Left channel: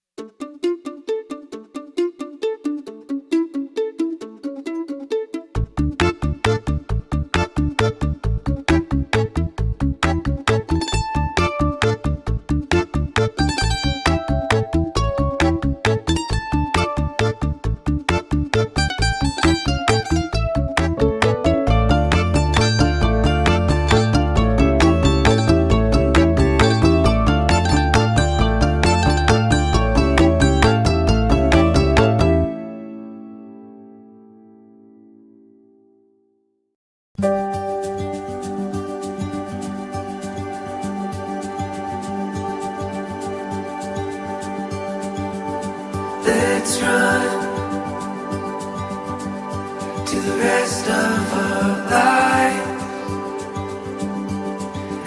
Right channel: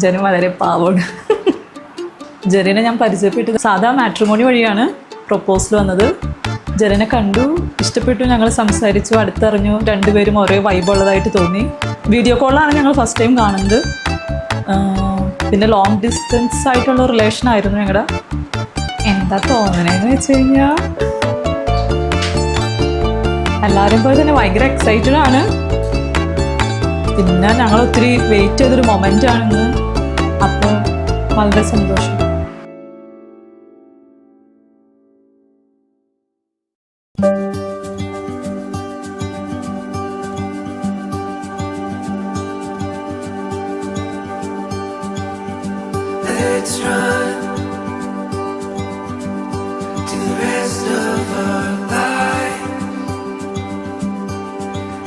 ജന വളരെ പാവമാണ്. ജെറിനെ ഞാൻ പരിചയപ്പെട്ടത് സാധാ മാട്രിമോണി വഴിയാണ് പ്രൊപ്പോസൽ വന്നത്. ജെറിനെ കണ്ടു, ഇഷ്ടപ്പെട്ടു, ഞങ്ങൾ സംസാരിച്ചു, അടുത്തറിഞ്ഞു, രണ്ടുപേരും ഒരേ വൈബുള്ളതായിട്ട് തോന്നി. വീഡിയോ കോളാണ് ഞങ്ങൾ ഫസ്റ്റ് ടൈം കാണുന്നത്. പിന്നെ ലോങ് ഡിസ്റ്റൻസ് ആയിട്ടുള്ള റിലേഷൻ ആയിരുന്നു ഞങ്ങളുടെ. എന്താ തോന്നണേന്ന് വെച്ച് കഴിഞ്ഞാൽ എല്ലാവരും പോലെ തന്നെ ഭയങ്കര എക്സൈറ്റഡ് ആണ്. പിന്നെ ഞങ്ങൾ ഒത്തിരി വെയിറ്റ് ചെയ്തൊരു മൊമെൻ്റ് ആണ്. അപ്പം വളരെ സന്തോഷം. Let's run to the rest of our lives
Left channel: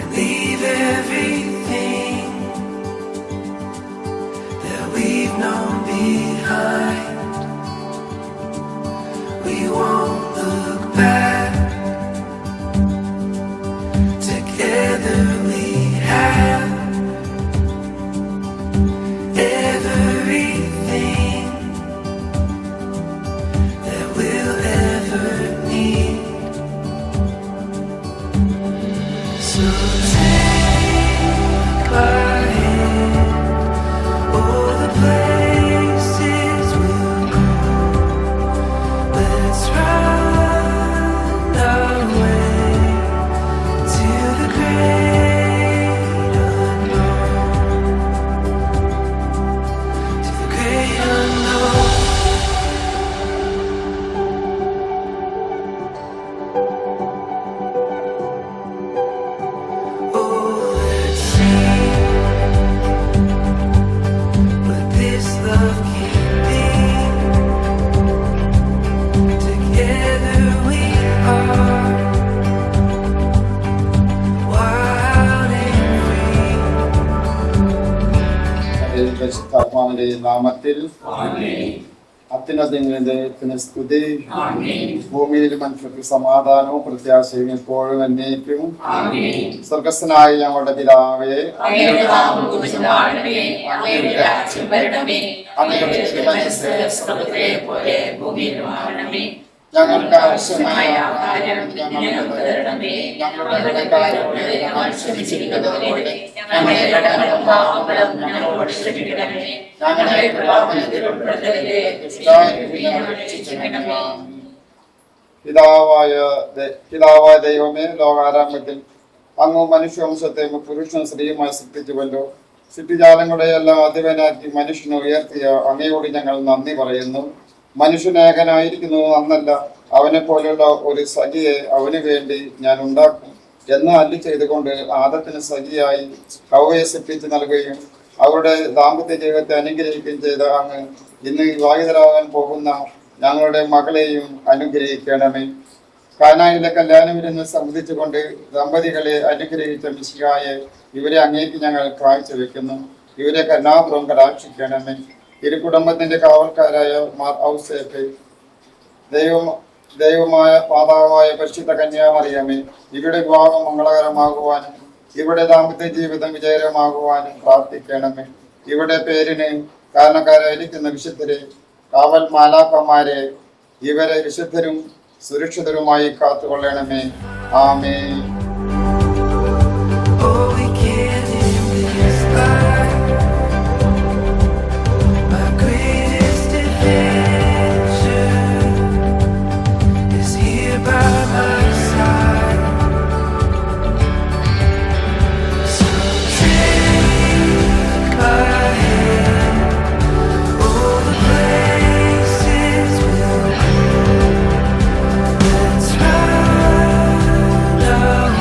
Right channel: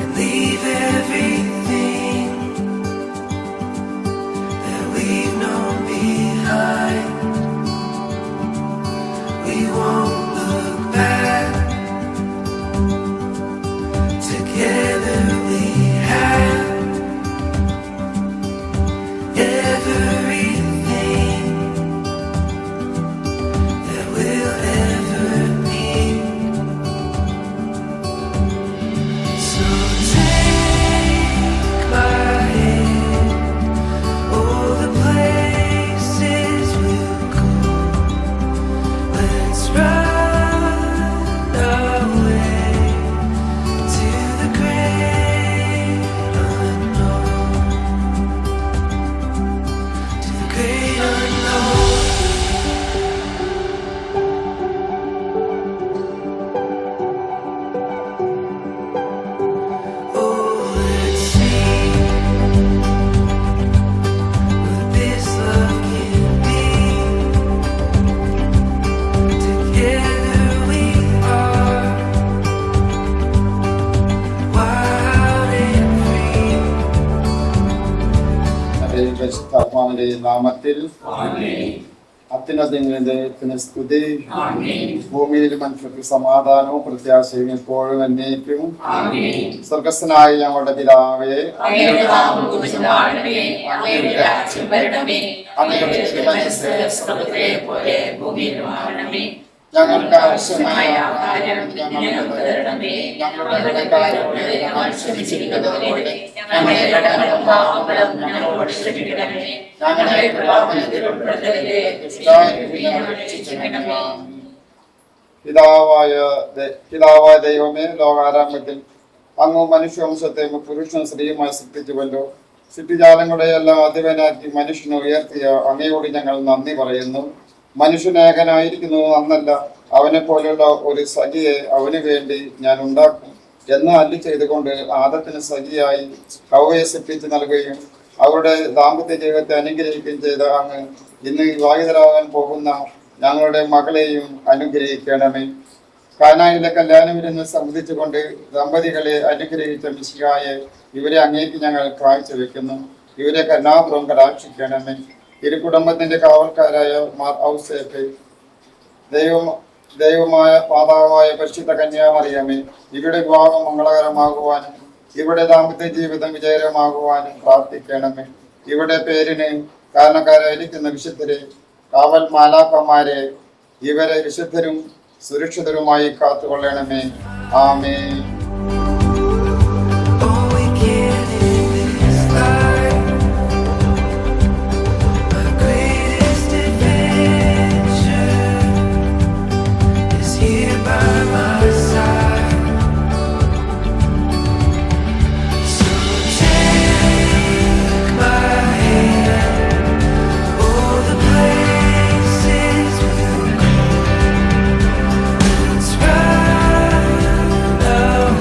and leave everything that we've known behind. We won't look back. Together we have everything that we'll ever need. So take my hand, all the places we'll go. Let's run our way to the great unknown, to the great unknown. Oh, let's see what this love can be. Together we are wild and free. പരിശുദ്ധാത്മാവിന്റെ നാമത്തിൽ അത്യുന്നതങ്ങളുടെ സ്തുതി. ഭൂമിയിൽ മനുഷ്യർക്ക് സമാധാനവും പ്രത്യാശയും എപ്പോഴും എന്നേക്കും. സ്വർഗസ്ഥനായ ഞങ്ങളുടെ പിതാവേ, ഞങ്ങൾക്ക് ആവശ്യമായ ആഹാരം ഞങ്ങൾക്ക് തരണമേ. ഞങ്ങളുടെ കടക്കാരോട് ഞങ്ങൾ ക്ഷമിച്ചിരിക്കുന്നതുപോലെ ഞങ്ങളുടെ കടങ്ങളും പാപങ്ങളും ഞങ്ങളോട് ക്ഷമിക്കണമേ. ഞങ്ങളെ പ്രലോഭനത്തിൽ ഉൾപ്പെടുത്തരുതേ, ദുഷ്ടാരൂപിയിൽ ഞങ്ങളെ രക്ഷിക്കണമേ. പിതാവായ ദൈവമേ, ലോകാരംഭത്തിൽ അങ്ങ് മനുഷ്യവംശത്തെ പുരുഷനും സ്ത്രീയുമായി സൃഷ്ടിച്ചുവല്ലോ. സൃഷ്ടിജാലങ്ങളുടെ എല്ലാം അധിപനാക്കി മനുഷ്യനെ ഉയർത്തിയ അങ്ങയോട് ഞങ്ങൾ നന്ദി പറയുന്നു. മനുഷ്യനേകനായിരിക്കുന്നു എന്നല്ല, അവനെ പോലെയുള്ള ഒരു സഖിയെ അവന് വേണ്ടി ഞാൻ ഉണ്ടാക്കും എന്ന് അല്ലി ചെയ്തുകൊണ്ട് ആദത്തിന് സഖിയായി ഹവ്വയെ സൃഷ്ടിച്ച് നൽകുകയും അവരുടെ ദാമ്പത്യ ജീവിതത്തെ അനുഗ്രഹിക്കുകയും ചെയ്ത അങ്ങ് ഇന്ന് വിവാഹിതരാകാൻ പോകുന്ന ഞങ്ങളുടെ മകളെയും അനുഗ്രഹിക്കണമേ. കാനായിലെ കല്യാണവിരുന്ന് സംബന്ധിച്ചുകൊണ്ട് ദമ്പതികളെ അനുഗ്രഹിച്ച മിശിഹായെ ഇവരെ അങ്ങേക്ക് ഞങ്ങൾ കാഴ്ചവെക്കുന്നു. ഇവരെ കരുണാപൂർവ്വം കടാക്ഷിക്കണമേ. ഇരു കുടുംബത്തിന്റെ കാവൽക്കാരായ മാർ ഔസേപ്പ്, ദൈവമായ മാതാവായ പരിശുദ്ധ കന്യാമറിയമേ, ഇവരുടെ വിവാഹം മംഗളകരമാകുവാനും ഇവിടെ ദാമ്പത്യ ജീവിതം വിജയകരമാകുവാനും പ്രാർത്ഥിക്കണമേ. ഇവിടെ പേരിന് കാരണക്കാരായിരിക്കുന്ന വിശുദ്ധരെ, കാവൽ മാലാഖമാരെ, ഇവരെ വിശുദ്ധരും സുരക്ഷിതരുമായി കാത്തുകൊള്ളണമേ. ആമേൻ. All we can is life. My greatest adventure is here by my side. So take my hand, all the places we'll go. Let's run our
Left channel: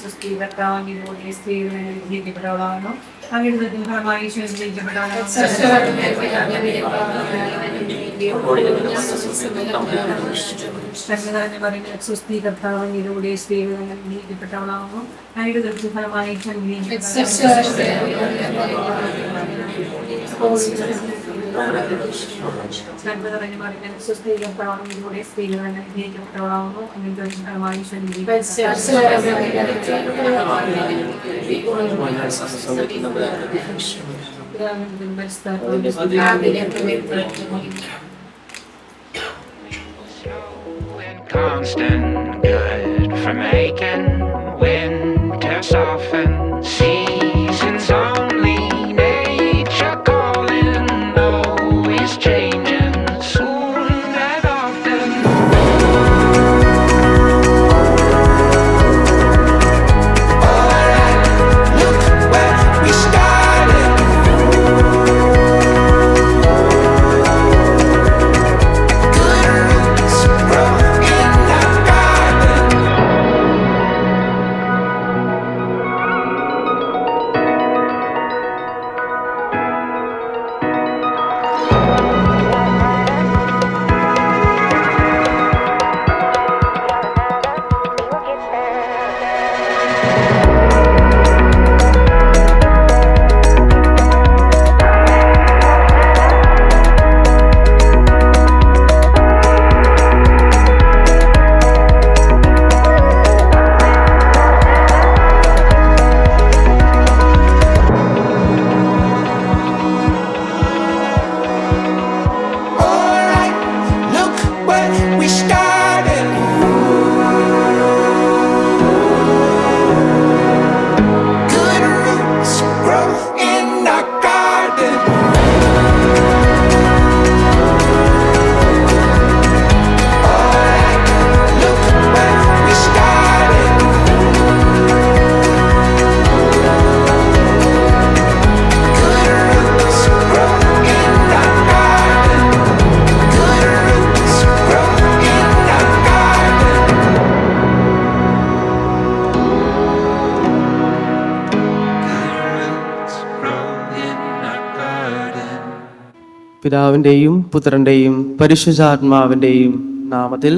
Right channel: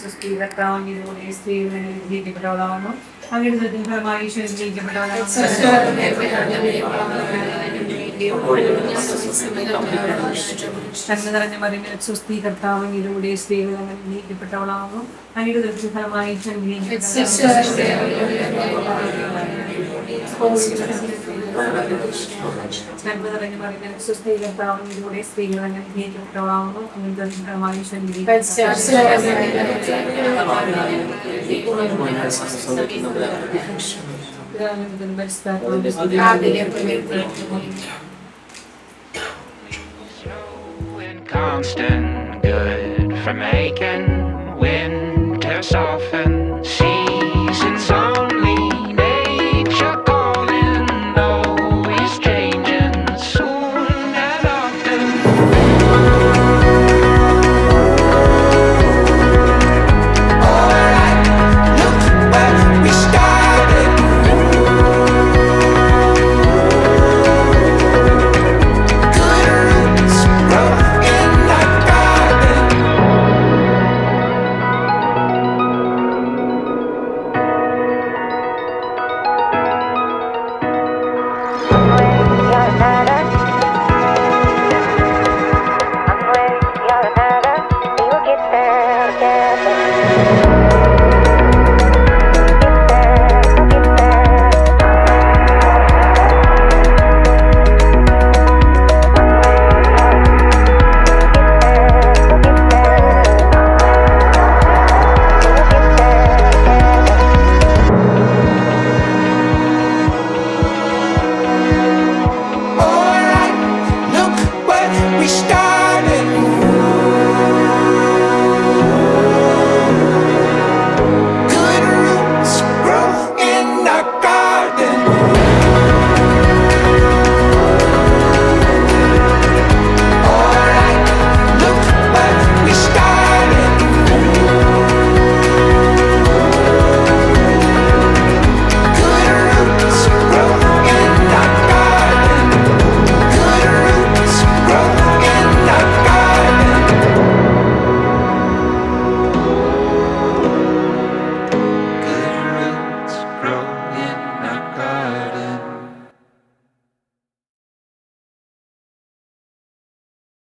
സുസ്ഥീകർത്താവിലൂടെ സ്ത്രീകൾ നീക്കപ്പെട്ടവളാകുന്നു അങ്ങയുടെ ഫലമായി സുസ്ഥീകർത്താവിലൂടെ സ്ത്രീകൾ നീക്കപ്പെട്ടവളാകുന്നു അങ്ങയുടെ ഫലമായി Constant good for making winter soften, seasons only nature calling, always changing soon and often. Alright, look where we started. Good roots grow in the garden. Alright, look where we started. Good roots grow in our garden. Alright, look where we started. Good roots grow in our garden. Good roots grow in our garden. Good roots grow in our garden. പിതാവിൻ്റെയും പുത്രൻ്റെയും പരിശുദ്ധാത്മാവിൻ്റെയും നാമത്തിൽ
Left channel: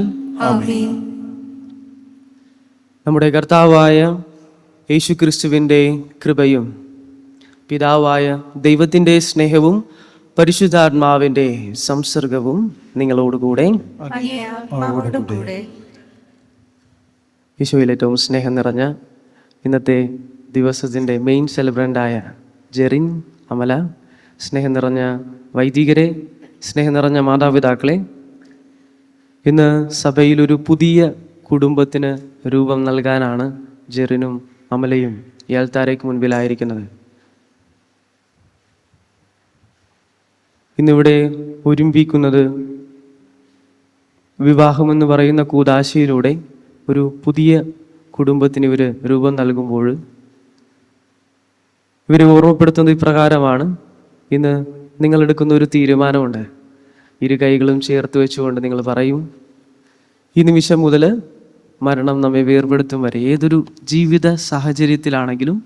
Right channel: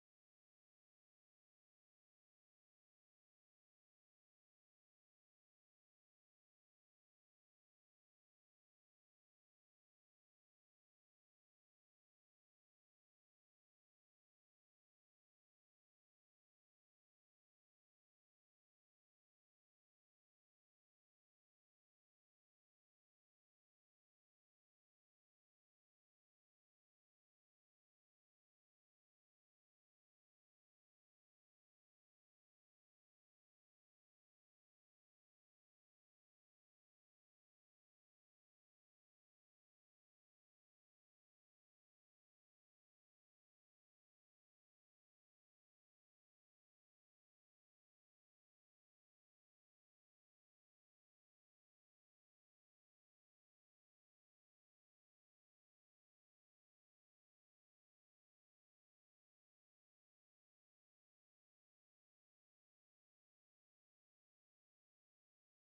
നമ്മുടെ കർത്താവായ യേശുക്രിസ്തുവിൻ്റെ കൃപയും പിതാവായ ദൈവത്തിൻ്റെ സ്നേഹവും പരിശുദ്ധാത്മാവിൻ്റെ സംസർഗവും നിങ്ങളോടുകൂടെ. ഈശോയിൽ ഏറ്റവും സ്നേഹം നിറഞ്ഞ ഇന്നത്തെ ദിവസത്തിൻ്റെ മെയിൻ സെലിബ്രൻ്റായ ജെറിൻ, അമല, സ്നേഹം നിറഞ്ഞ വൈദികരെ, സ്നേഹം നിറഞ്ഞ മാതാപിതാക്കളെ, ഇന്ന് സഭയിലൊരു പുതിയ കുടുംബത്തിന് രൂപം നൽകാനാണ് ജെറിനും അമലയും ഈ അൾത്താരയ്ക്ക് മുൻപിലായിരിക്കുന്നത്. ഇന്നിവിടെ ഒരുമിപ്പിക്കുന്നത് വിവാഹമെന്ന് പറയുന്ന കൂദാശയിലൂടെ ഒരു പുതിയ കുടുംബത്തിന് ഇവർ രൂപം നൽകുമ്പോൾ ഇവരെ ഓർമ്മപ്പെടുത്തുന്നത് ഇപ്രകാരമാണ്. ഇന്ന് നിങ്ങളെടുക്കുന്ന ഒരു തീരുമാനമുണ്ട്. ഇരു കൈകളും ചേർത്ത് വെച്ചുകൊണ്ട് നിങ്ങൾ പറയും, ഈ നിമിഷം മുതൽ മരണം നമ്മെ വേർപെടുത്തും വരെ ഏതൊരു ജീവിത സാഹചര്യത്തിലാണെങ്കിലും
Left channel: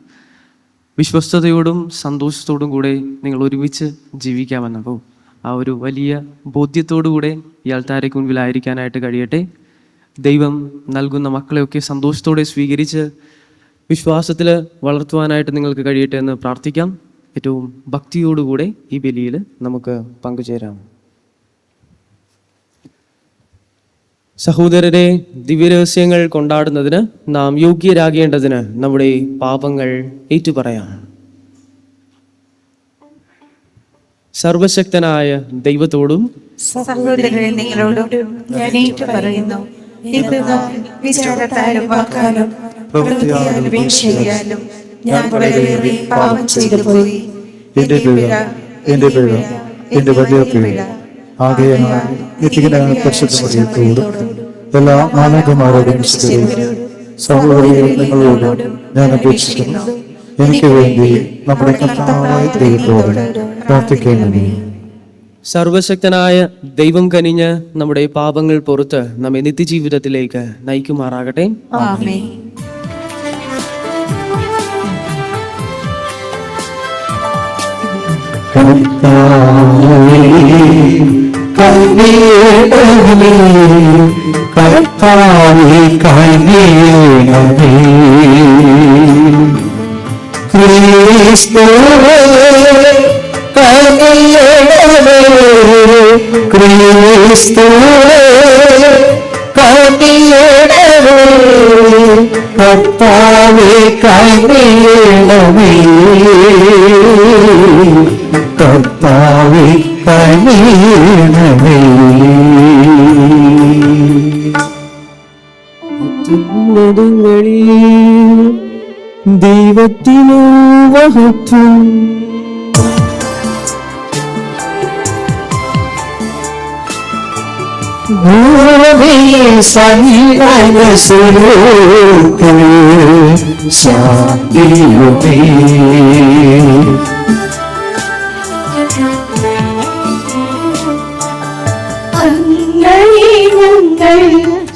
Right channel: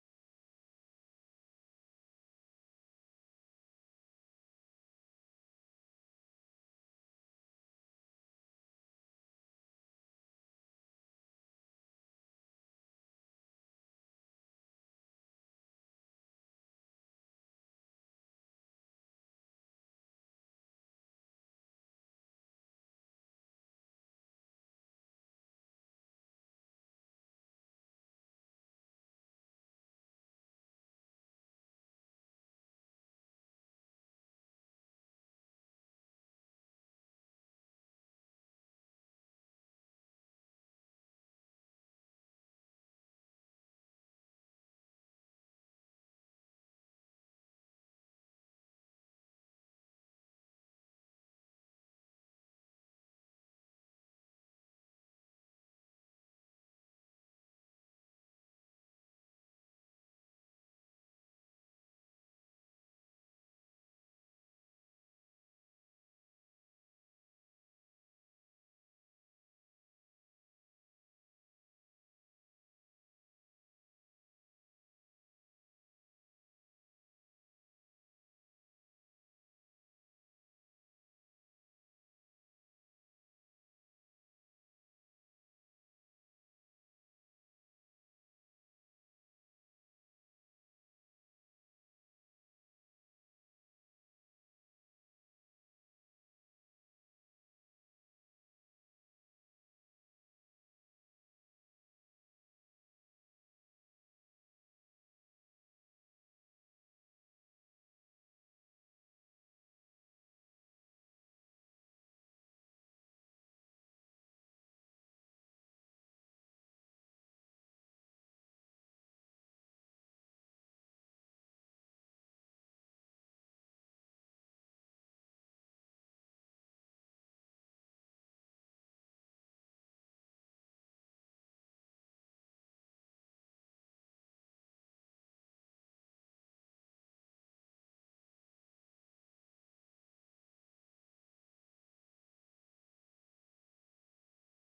വിശ്വസ്തയോടും സന്തോഷത്തോടും കൂടെ നിങ്ങൾ ഒരുമിച്ച് ജീവിക്കാമെന്നപ്പോൾ ആ ഒരു വലിയ ബോധ്യത്തോടു കൂടെ ഈ അൾത്താരയ്ക്ക് മുൻപിലായിരിക്കാനായിട്ട് കഴിയട്ടെ. ദൈവം നൽകുന്ന മക്കളെയൊക്കെ സന്തോഷത്തോടെ സ്വീകരിച്ച് വിശ്വാസത്തിൽ വളർത്തുവാനായിട്ട് നിങ്ങൾക്ക് കഴിയട്ടെ എന്ന് പ്രാർത്ഥിക്കാം. ഏറ്റവും ഭക്തിയോടുകൂടെ ഈ ബലിയിൽ നമുക്ക് പങ്കുചേരാം. സഹോദരരെ, ദിവ്യരഹസ്യങ്ങൾ കൊണ്ടാടുന്നതിന് നാം യോഗ്യരാകേണ്ടതിന് നമ്മുടെ പാപങ്ങൾ ഏറ്റുപറയാം. സർവശക്തനായ ദൈവത്തോടും സഹോദരരെ നിങ്ങളോടും ഞാൻ ഏറ്റുപറയുന്നു, ഇന്ന് വിചാരത്താലും വാക്കാലും പ്രവൃത്തിയാലും വീഴ്ചയാലും ഞാൻ വളരെയേറെ പാപം ചെയ്തു പോയി. എന്റെ പിഴ എന്റെ വലിയ പിഴ ആകയാൽ പരിശുദ്ധ എല്ലാ മാനവന്മാരോടും സഹോദരൻ നിങ്ങളോടും ഞാൻ അപേക്ഷിക്കുന്നു. എനിക്ക് വേണ്ടി നമ്മുടെ കർത്താവായ ദൈവത്തോട് പ്രാർത്ഥിക്കണമേ. സർവശക്തനായ ദൈവം കനിഞ്ഞ് നമ്മുടെ പാപങ്ങൾ പുറത്ത് നമ്മെ നിത്യജീവിതത്തിലേക്ക് നയിക്കുമാറാകട്ടെ. ആമേൻ. കർത്താവേ കനിയണമേ. ക്രിസ്തുവേ കനിയണമേ. ക്രിസ്തുവേ കനിയണമേ. കർത്താവേ കനിയണമേ. കർത്താവേ കനിയണമേ. ദൈവത്തിനു മഹത്വം. ഭൂമിയിൽ സന്മനസ്സുലോർക്ക് ശാന്തിയുമേ.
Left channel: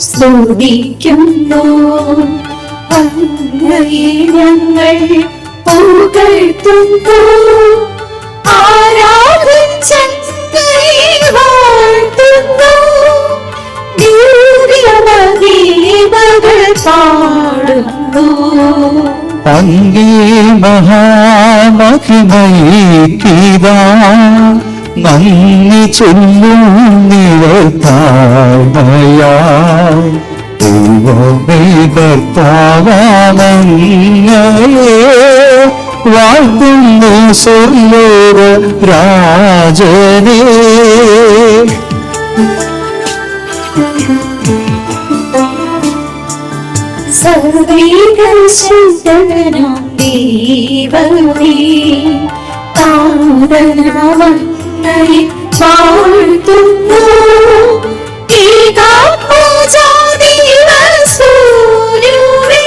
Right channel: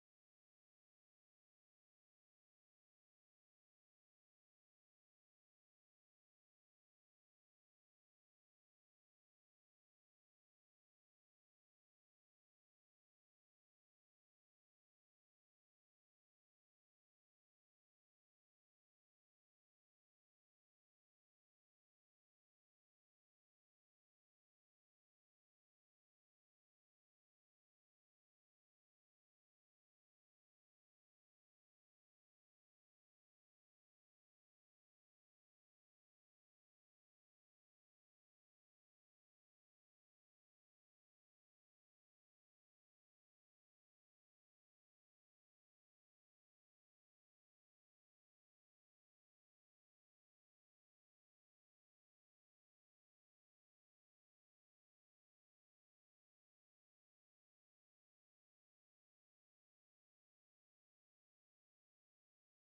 സ്തുതിക്കുന്നു, അങ്ങയെ ഞങ്ങൾ പുകഴ്ത്തുന്നു. ആരാധിച്ചങ്ങയെ വാഴ്ത്തുന്നു. ദിവ്യമഹിമകൾ പാടുന്നു. അങ്ങേ മഹാമഹിമൈക്കിതാ നന്ദി ചൊല്ലുന്നിവർ താഴ്മയായി. ദൈവമേ കർത്താവാമങ്ങയെ വാഴ്ത്തുന്നു സ്വർലോക രാജനേ. സർവീകശുദ്ധനാം ദൈവമേ, താതനാമങ്ങയെ വാഴ്ത്തുന്നു. ഏകാത്മജാതിവസൂരുവേ,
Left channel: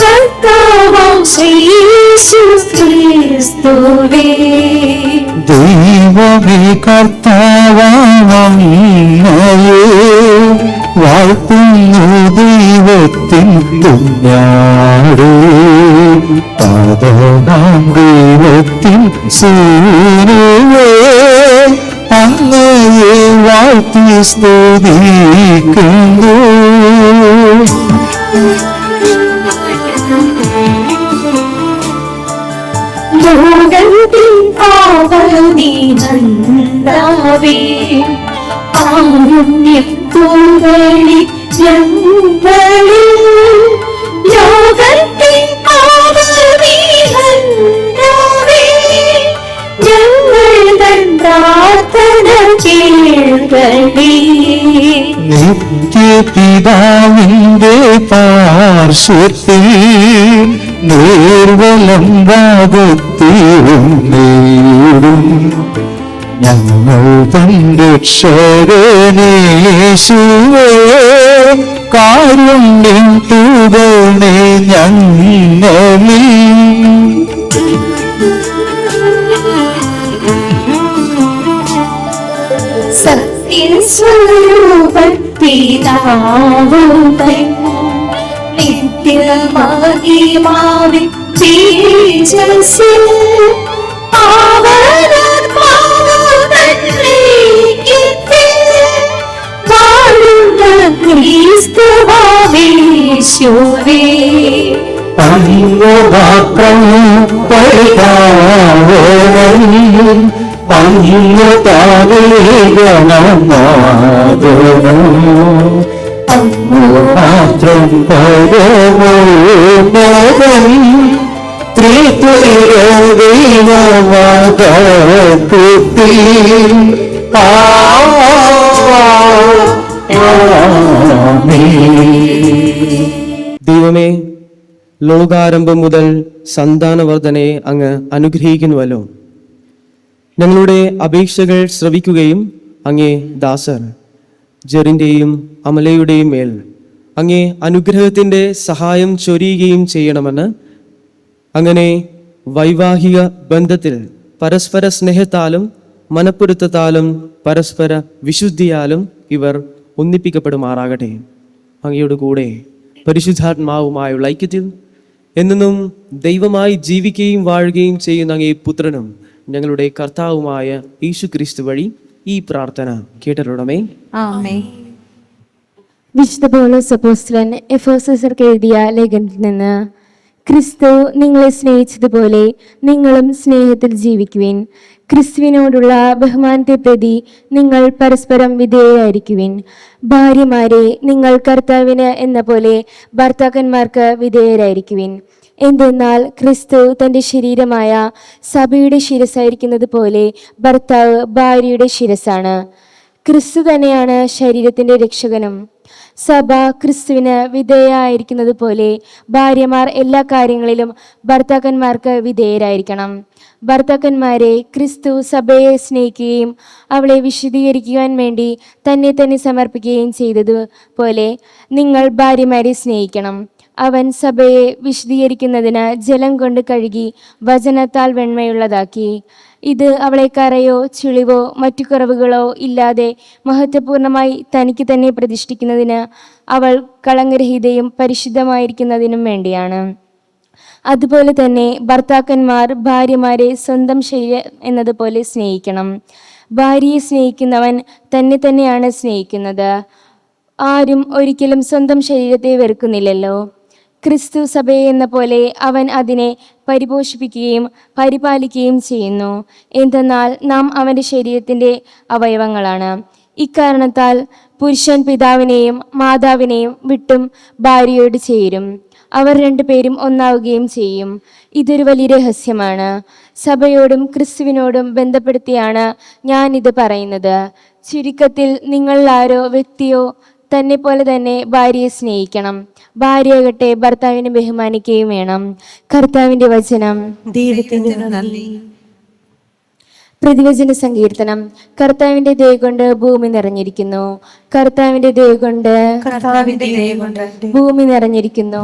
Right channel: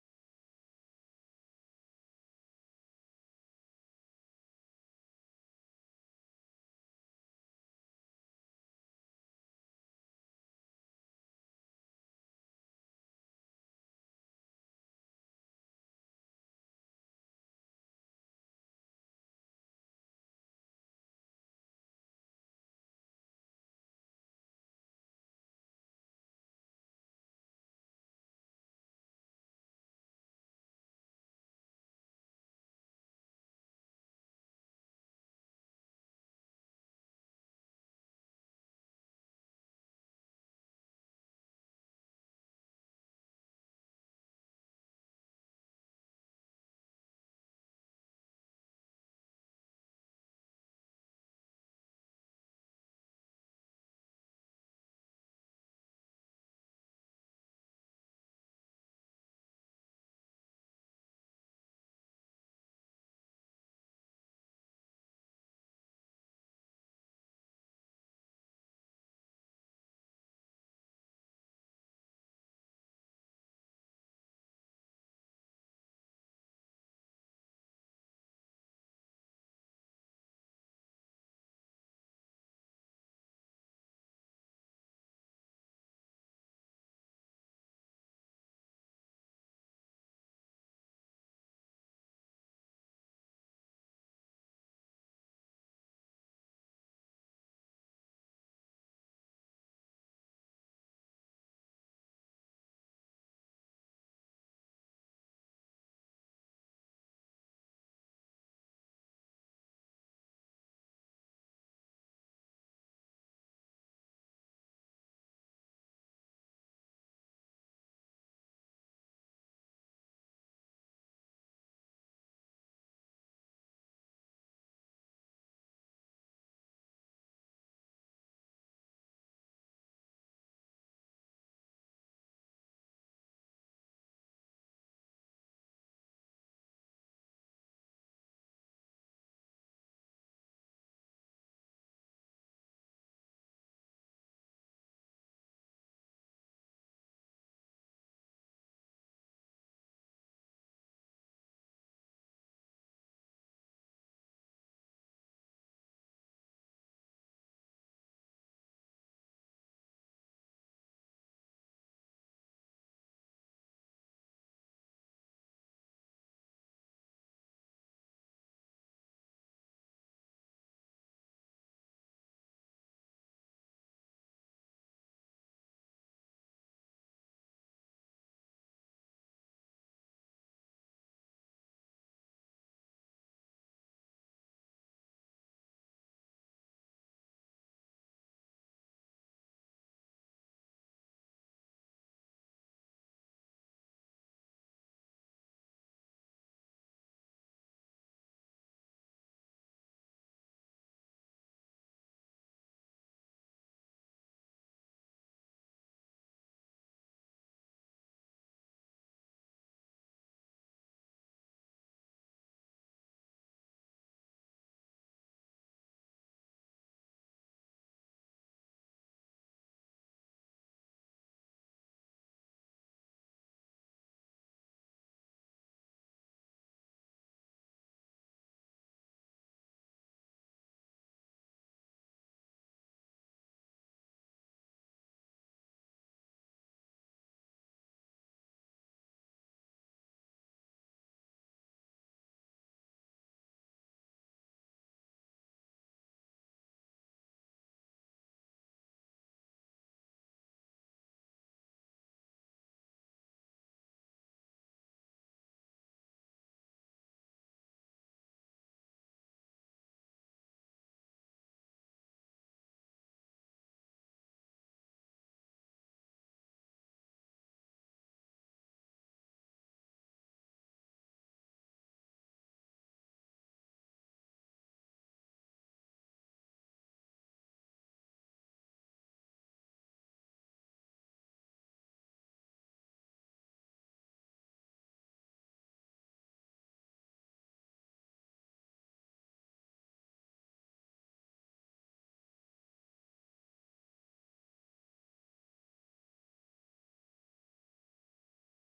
കർത്താവാം യേശുക്രിസ്തുവേ. ദൈവമേ കർത്താവാമങ്ങയെ വാഴ്ത്തുന്നു. ദൈവത്തിൻ കുഞ്ഞാടേ, പാദനാം ദൈവത്തിൻ സൂര്യവേ, അങ്ങയെ വാഴ്ത്തി സ്തുതിക്കുന്നു. ലോകത്തിൻ പാവനീനന്ദാവേ, കാരുണ്യം തൂവളി ഞങ്ങളിൽ. ലോകത്തിൻ പാവനീനന്ദാവേ, ഞങ്ങൾ തൻ പ്രാർത്ഥന കേൾക്കണേ. നിത്യപിതാവിന്റെ പാർശ്വത്തിൽ നിർവലം ഭാഗത്തിലും നേടും ഞങ്ങൾ തൻ രക്ഷകനേശുവേ. കാരുണ്യം തൂകണേ ഞങ്ങളിൽ. സത്യസ്വരൂപൻ പിതാവുതൻ നിത്യമഹിമാവിൻ തേജസ്സിൽ വാഴുന്ന ക്രിസ്തുവാവേശുവേ. അങ്ങുമാത്രം പരിതാവോളം അങ്ങു താവേഗണമാതണം. അങ്ങു മാത്രം പരമോന്നതൻ ത്രിത്വൈക ദൈവമഹത്വത്തിൽ. ദൈവമേ, ലോകാരംഭം മുതൽ സന്താനവർദ്ധനയെ അങ്ങ് അനുഗ്രഹിക്കുന്നുവല്ലോ. ഞങ്ങളുടെ അപേക്ഷകൾ ശ്രവിക്കുകയും അങ്ങേ ദാസർ ജെറിൻ്റെയും അമലയുടെയും മേൽ അങ്ങേ അനുഗ്രഹത്തിൻ്റെ സഹായം ചൊരിയുകയും ചെയ്യണമെന്ന്. അങ്ങനെ വൈവാഹിക ബന്ധത്തിൽ പരസ്പര സ്നേഹത്താലും മനപ്പൊരുത്തത്താലും പരസ്പര വിശുദ്ധിയാലും ഇവർ ഒന്നിപ്പിക്കപ്പെടുമാറാകട്ടെ. അങ്ങയുടെ കൂടെ പരിശുദ്ധാത്മാവുമായുള്ള ഐക്യത്തിൽ എന്നും ദൈവമായി ജീവിക്കുകയും വാഴുകയും ചെയ്യുന്ന അങ്ങേ പുത്രനും ഞങ്ങളുടെ കർത്താവുമായ യേശു ക്രിസ്തു വഴി ഈ പ്രാർത്ഥന കേട്ടരുടമേ. വിശുദ്ധ പൗലോസ് അപ്പോസ്തലൻ എഫെസോസ്യർക്ക് എഴുതിയ ലേഖനത്തിൽ നിന്ന്, ക്രിസ്തു നിങ്ങളെ സ്നേഹിച്ചതുപോലെ നിങ്ങളും സ്നേഹത്തിൽ ജീവിക്കുവിൻ. ക്രിസ്തുവിനോടുള്ള ബഹുമാനത്തെ പ്രതി നിങ്ങൾ പരസ്പരം വിധേയരായിരിക്കുവിൻ. ഭാര്യമാരെ, നിങ്ങൾ കർത്താവിന് എന്ന പോലെ ഭർത്താക്കന്മാർക്ക് വിധേയരായിരിക്കുവിൻ. എന്തെന്നാൽ ക്രിസ്തു തൻ്റെ ശരീരമായ സഭയുടെ ശിരസായിരിക്കുന്നത് പോലെ ഭർത്താവ് ഭാര്യയുടെ ശിരസാണ്. ക്രിസ്തു തന്നെയാണ് ശരീരത്തിൻ്റെ രക്ഷകനും. സഭ ക്രിസ്തുവിന് വിധേയരായിരിക്കുന്നത് പോലെ ഭാര്യമാർ എല്ലാ കാര്യങ്ങളിലും ഭർത്താക്കന്മാർക്ക് വിധേയരായിരിക്കണം. ഭർത്താക്കന്മാരെ, ക്രിസ്തു സഭയെ സ്നേഹിക്കുകയും അവളെ വിശദീകരിക്കുവാൻ വേണ്ടി തന്നെ സമർപ്പിക്കുകയും ചെയ്തതുപോലെ നിങ്ങൾ ഭാര്യമാരെ സ്നേഹിക്കണം. അവൻ സഭയെ വിശദീകരിക്കുന്നതിന് ജലം കൊണ്ട് കഴുകി വചനത്താൽ വെണ്മയുള്ളതാക്കി. ഇത് അവളെ കറയോ ചുളിവോ മറ്റു കുറവുകളോ ഇല്ലാതെ മഹത്വപൂർണമായി തനിക്ക് തന്നെ പ്രതിഷ്ഠിക്കുന്നതിന് അവൾ കളങ്കരഹിതയും പരിശുദ്ധമായിരിക്കുന്നതിനും വേണ്ടിയാണ്. അതുപോലെ തന്നെ ഭർത്താക്കന്മാർ ഭാര്യമാരെ സ്വന്തം ശരീരം എന്നതുപോലെ സ്നേഹിക്കണം. ഭാര്യയെ സ്നേഹിക്കുന്നവൻ തന്നെയാണ് സ്നേഹിക്കുന്നത്. ആരും ഒരിക്കലും സ്വന്തം ശരീരത്തെ വെറുക്കുന്നില്ലല്ലോ. ക്രിസ്തു സഭയെ എന്ന പോലെ അവൻ അതിനെ പരിപോഷിപ്പിക്കുകയും പരിപാലിക്കുകയും ചെയ്യുന്നു. എന്തെന്നാൽ നാം അവൻ്റെ ശരീരത്തിൻ്റെ അവയവങ്ങളാണ്. ഇക്കാരണത്താൽ പുരുഷൻ പിതാവിനെയും മാതാവിനെയും വിട്ടും ഭാര്യയോട് ചേരും. അവർ രണ്ടുപേരും ഒന്നാവുകയും ചെയ്യും. ഇതൊരു വലിയ രഹസ്യമാണ്. സഭയോടും ക്രിസ്തുവിനോടും ബന്ധപ്പെടുത്തിയാണ് ഞാൻ ഇത് പറയുന്നത്. ചുരുക്കത്തിൽ നിങ്ങൾ ആരോ വ്യക്തിയോ തന്നെ പോലെ തന്നെ ഭാര്യയെ സ്നേഹിക്കണം. ഭാര്യയാകട്ടെ ഭർത്താവിനെ ബഹുമാനിക്കുകയും വേണം. കർത്താവിന്റെ വചനം. പ്രതിവചന സങ്കീർത്തനം. കർത്താവിന്റെ ദയ കൊണ്ട് ഭൂമി നിറഞ്ഞിരിക്കുന്നു. കർത്താവിന്റെ ദയ കൊണ്ട് ഭൂമി നിറഞ്ഞിരിക്കുന്നു.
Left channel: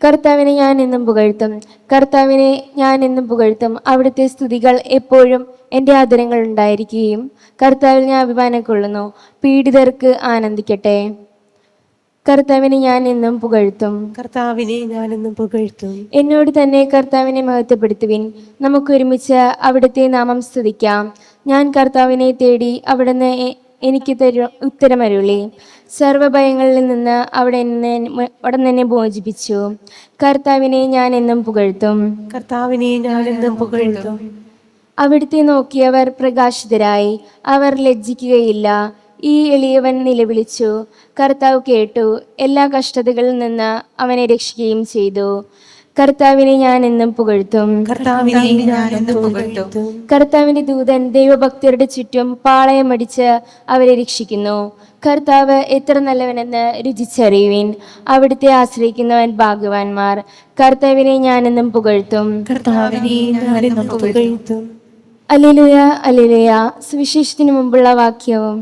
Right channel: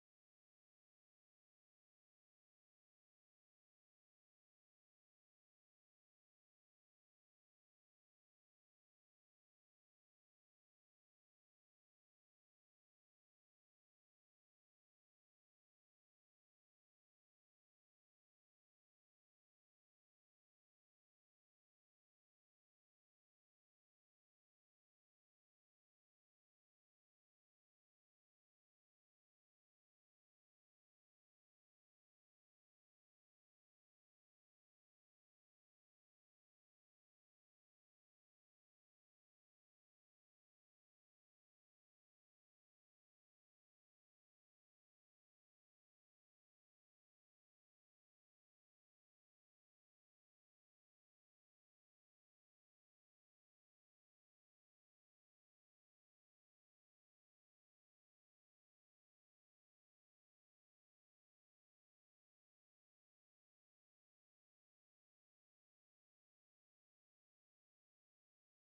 കർത്താവിനെ ഞാൻ എന്നും പുകഴ്ത്തും. കർത്താവിനെ ഞാൻ എന്നും പുകഴ്ത്തും. അവിടുത്തെ സ്തുതികൾ എപ്പോഴും എൻ്റെ ആദരങ്ങൾ ഉണ്ടായിരിക്കുകയും കർത്താവിൽ ഞാൻ അഭിമാനം കൊള്ളുന്നു. പീഡിതർക്ക് ആനന്ദിക്കട്ടെ. കർത്താവിനെ ഞാൻ എന്നും പുകഴ്ത്തും. എന്നോട് തന്നെ കർത്താവിനെ മഹത്വപ്പെടുത്തുവിൻ. നമുക്കൊരുമിച്ച് അവിടുത്തെ നാമം സ്തുതിക്കാം. ഞാൻ കർത്താവിനെ തേടി, അവിടുന്ന് എനിക്ക് ഉത്തരമരുളി. സർവഭയങ്ങളിൽ നിന്ന് അവിടെ എന്നെ മോചിപ്പിച്ചു. കർത്താവിനെ ഞാൻ എന്നും പുകഴ്ത്തും. അവിടുത്തെ നോക്കിയവർ പ്രകാശിതരായി. അവർ ലജ്ജിക്കുകയില്ല. ഈ എളിയവൻ നിലവിളിച്ചു, കർത്താവ് കേട്ടു. എല്ലാ കഷ്ടതകളിൽ നിന്ന് അവനെ രക്ഷിക്കുകയും ചെയ്തു. കർത്താവിനെ ഞാൻ എന്നും പുകഴ്ത്തും. കർത്താവിന്റെ ദൂതൻ ദൈവഭക്തരുടെ ചുറ്റും പാളയമടിച്ച് അവരെ രക്ഷിക്കുന്നു. കർത്താവ് എത്ര നല്ലവനെന്ന് രുചിച്ചറിയുവിൻ. അവിടുത്തെ ആശ്രയിക്കുന്നവൻ ഭാഗ്യവാന്മാർ. കർത്താവിനെ ഞാൻ എന്നും പുകഴ്ത്തും. Alleluia, alleluia. സുവിശേഷത്തിന് മുമ്പുള്ള വാക്യവും.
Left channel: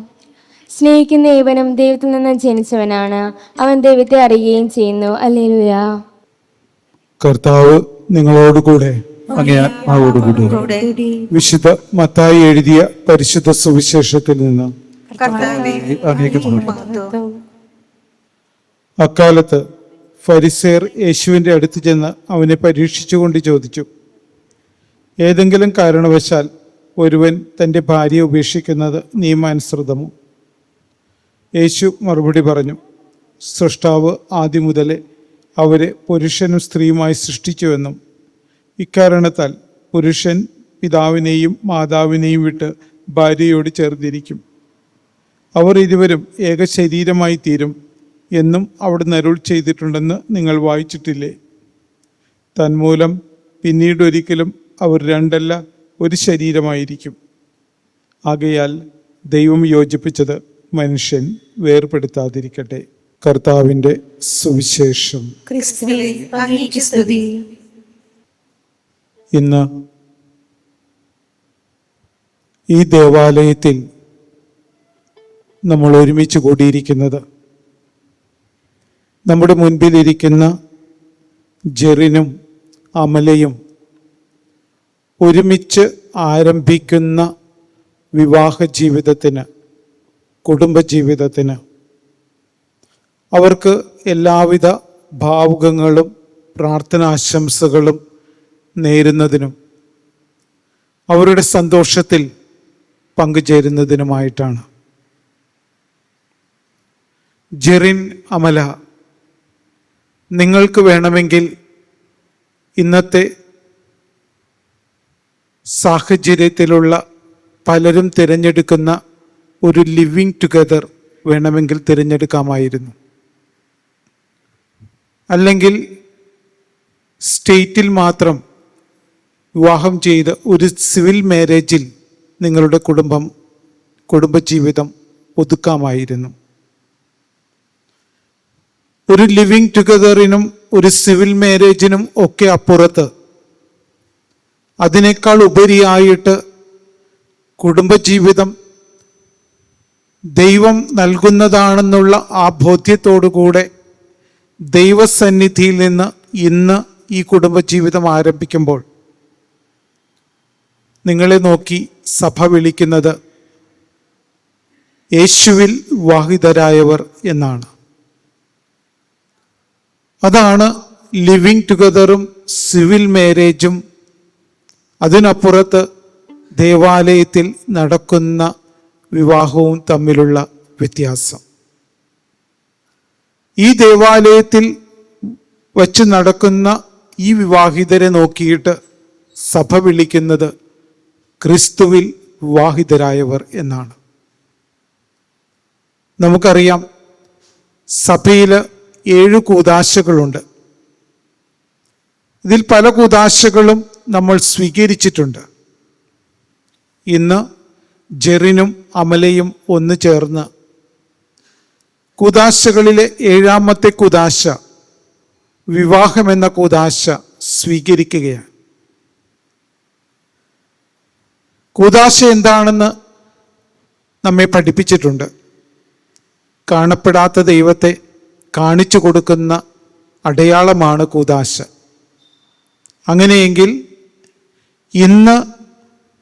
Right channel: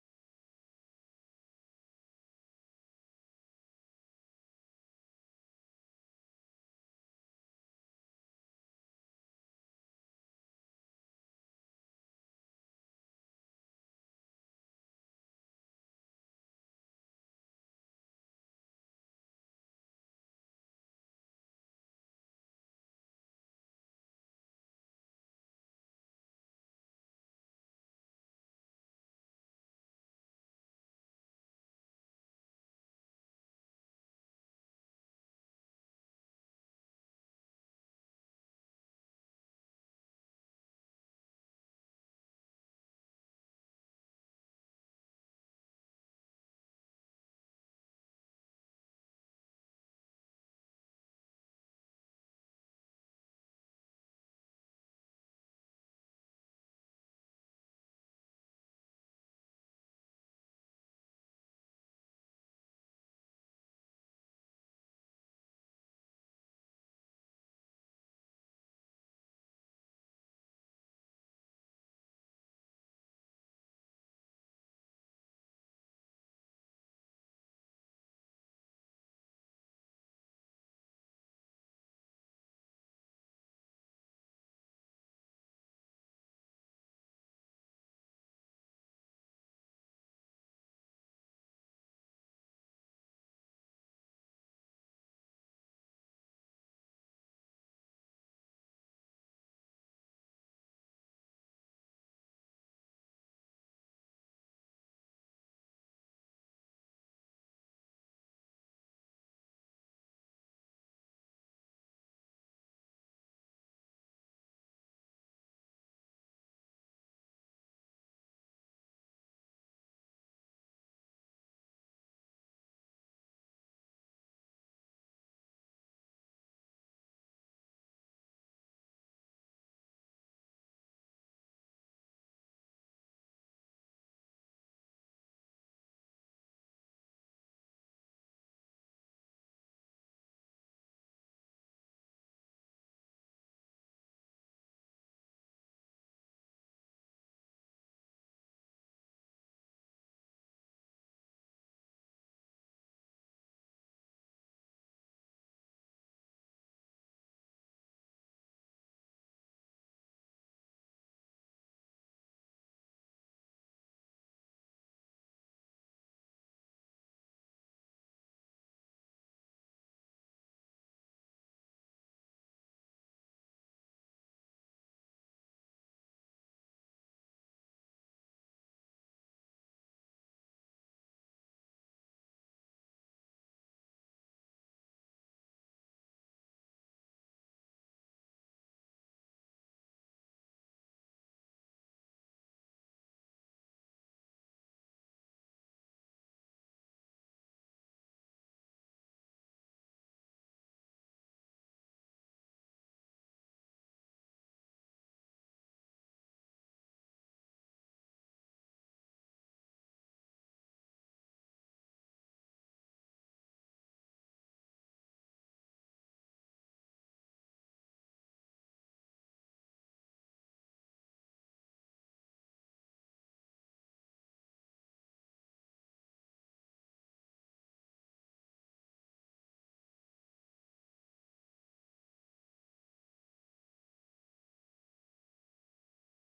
സ്നേഹിക്കുന്ന ഏവനും ദൈവത്തിൽ നിന്ന് ജനിച്ചവനാണ്. അവൻ ദൈവത്തെ അറിയുകയും ചെയ്യുന്നു. അല്ലേലൂയ. കർത്താവ് നിങ്ങളോടുകൂടെ അങ്ങേ ആത്മാവോടുകൂടെ. വിശുദ്ധ മത്തായി എഴുതിയ പരിശുദ്ധ സുവിശേഷത്തിൽ നിന്ന്. അക്കാലത്ത് ഫരിസേർ യേശുവിൻ്റെ അടുത്ത് ചെന്ന് അവനെ പരീക്ഷിച്ചുകൊണ്ട് ചോദിച്ചു, ഏതെങ്കിലും കാരണവശാൽ ഒരുവൻ തൻ്റെ ഭാര്യയെ ഉപേക്ഷിക്കുന്നത് നിയമാനുസൃതമോ? യേശു മറുപടി പറഞ്ഞു, സൃഷ്ടാവ് ആദ്യം മുതലേ അവരെ പുരുഷനും സ്ത്രീയുമായി സൃഷ്ടിച്ചുവെന്നും ഇക്കാരണത്താൽ പുരുഷൻ പിതാവിനെയും മാതാവിനെയും വിട്ട് ഭാര്യയോട് ചേർന്നിരിക്കും, അവർ ഇരുവരും ഏക ശരീരമായി തീരും എന്നും അവിടുന്ന് അരുൾ ചെയ്തിട്ടുണ്ടെന്ന് നിങ്ങൾ വായിച്ചിട്ടില്ലേ? തന്മൂലം പിന്നീടൊരിക്കലും അവർ രണ്ടല്ല ഒരു ശരീരമായിരിക്കും. ആകയാൽ ദൈവം യോജിപ്പിച്ചത് മനുഷ്യൻ വേർപെടുത്താതിരിക്കട്ടെ. കർത്താവിൻ്റെ സുവിശേഷം. ഇന്ന് ഈ ദേവാലയത്തിൽ നമ്മൾ ഒരുമിച്ച് കൂടിയിരിക്കുന്നത് നമ്മുടെ മുൻപിലിരിക്കുന്ന ജെറിനും അമലയും ഒരുമിച്ച് ആരംഭിക്കുന്ന വിവാഹ ജീവിതത്തിന്, കുടുംബജീവിതത്തിന് അവർക്ക് എല്ലാവിധ ഭാവുകങ്ങളും പ്രാർത്ഥനാശംസകളും നേരുന്നതിനും അവരുടെ സന്തോഷത്തിൽ പങ്കുചേരുന്നതിനുമായിട്ടാണ്. ജെറിൻ, അമല, നിങ്ങൾക്ക് വേണമെങ്കിൽ ഇന്നത്തെ സാഹചര്യത്തിലുള്ള പലരും തിരഞ്ഞെടുക്കുന്ന ഒരു ലിവിങ് ടുഗദർ വേണമെങ്കിൽ തിരഞ്ഞെടുക്കാമായിരുന്നു. അല്ലെങ്കിൽ സ്റ്റേറ്റിൽ മാത്രം വിവാഹം ചെയ്ത് ഒരു സിവിൽ മാരേജിൽ നിങ്ങളുടെ കുടുംബജീവിതം ഒതുക്കാമായിരുന്നു. ഒരു ലിവിങ് ടുഗദറിനും ഒരു സിവിൽ മാരേജിനും ഒക്കെ അപ്പുറത്ത് അതിനേക്കാൾ ഉപരിയായിട്ട് കുടുംബജീവിതം ദൈവം നൽകുന്നതാണെന്നുള്ള ആ ബോധ്യത്തോടുകൂടെ ദൈവസന്നിധിയിൽ നിന്ന് ഇന്ന് ഈ കുടുംബജീവിതം ആരംഭിക്കുമ്പോൾ നിങ്ങളെ നോക്കി സഭ വിളിക്കുന്നത് യേശുവിൽ വിവാഹിതരായവർ എന്നാണ്. അതാണ് ലിവിങ് ടുഗദറും സിവിൽ മാരേജും അതിനപ്പുറത്ത് ദേവാലയത്തിൽ നടക്കുന്ന വിവാഹവും തമ്മിലുള്ള വ്യത്യാസം. ഈ ദേവാലയത്തിൽ വച്ച് നടക്കുന്ന ഈ വിവാഹിതരെ നോക്കിയിട്ട് സഭ വിളിക്കുന്നത് ക്രിസ്തുവിൽ വിവാഹിതരായവർ എന്നാണ്. നമുക്കറിയാം, സഭയിൽ 7 കൂദാശകളുണ്ട്. ഇതിൽ പല കൂദാശകളും നമ്മൾ സ്വീകരിച്ചിട്ടുണ്ട്. ഇന്ന് ജെറിനും അമലയും ഒന്ന് ചേർന്ന് കൂദാശകളിലെ 7ാമത്തെ കൂദാശ, വിവാഹമെന്ന കൂദാശ സ്വീകരിക്കുകയാണ്. കൂദാശ എന്താണെന്ന് നമ്മെ പഠിപ്പിച്ചിട്ടുണ്ട്. കാണപ്പെടാത്ത ദൈവത്തെ കാണിച്ചു കൊടുക്കുന്ന അടയാളമാണ് കൂദാശ. അങ്ങനെയെങ്കിൽ ഇന്ന്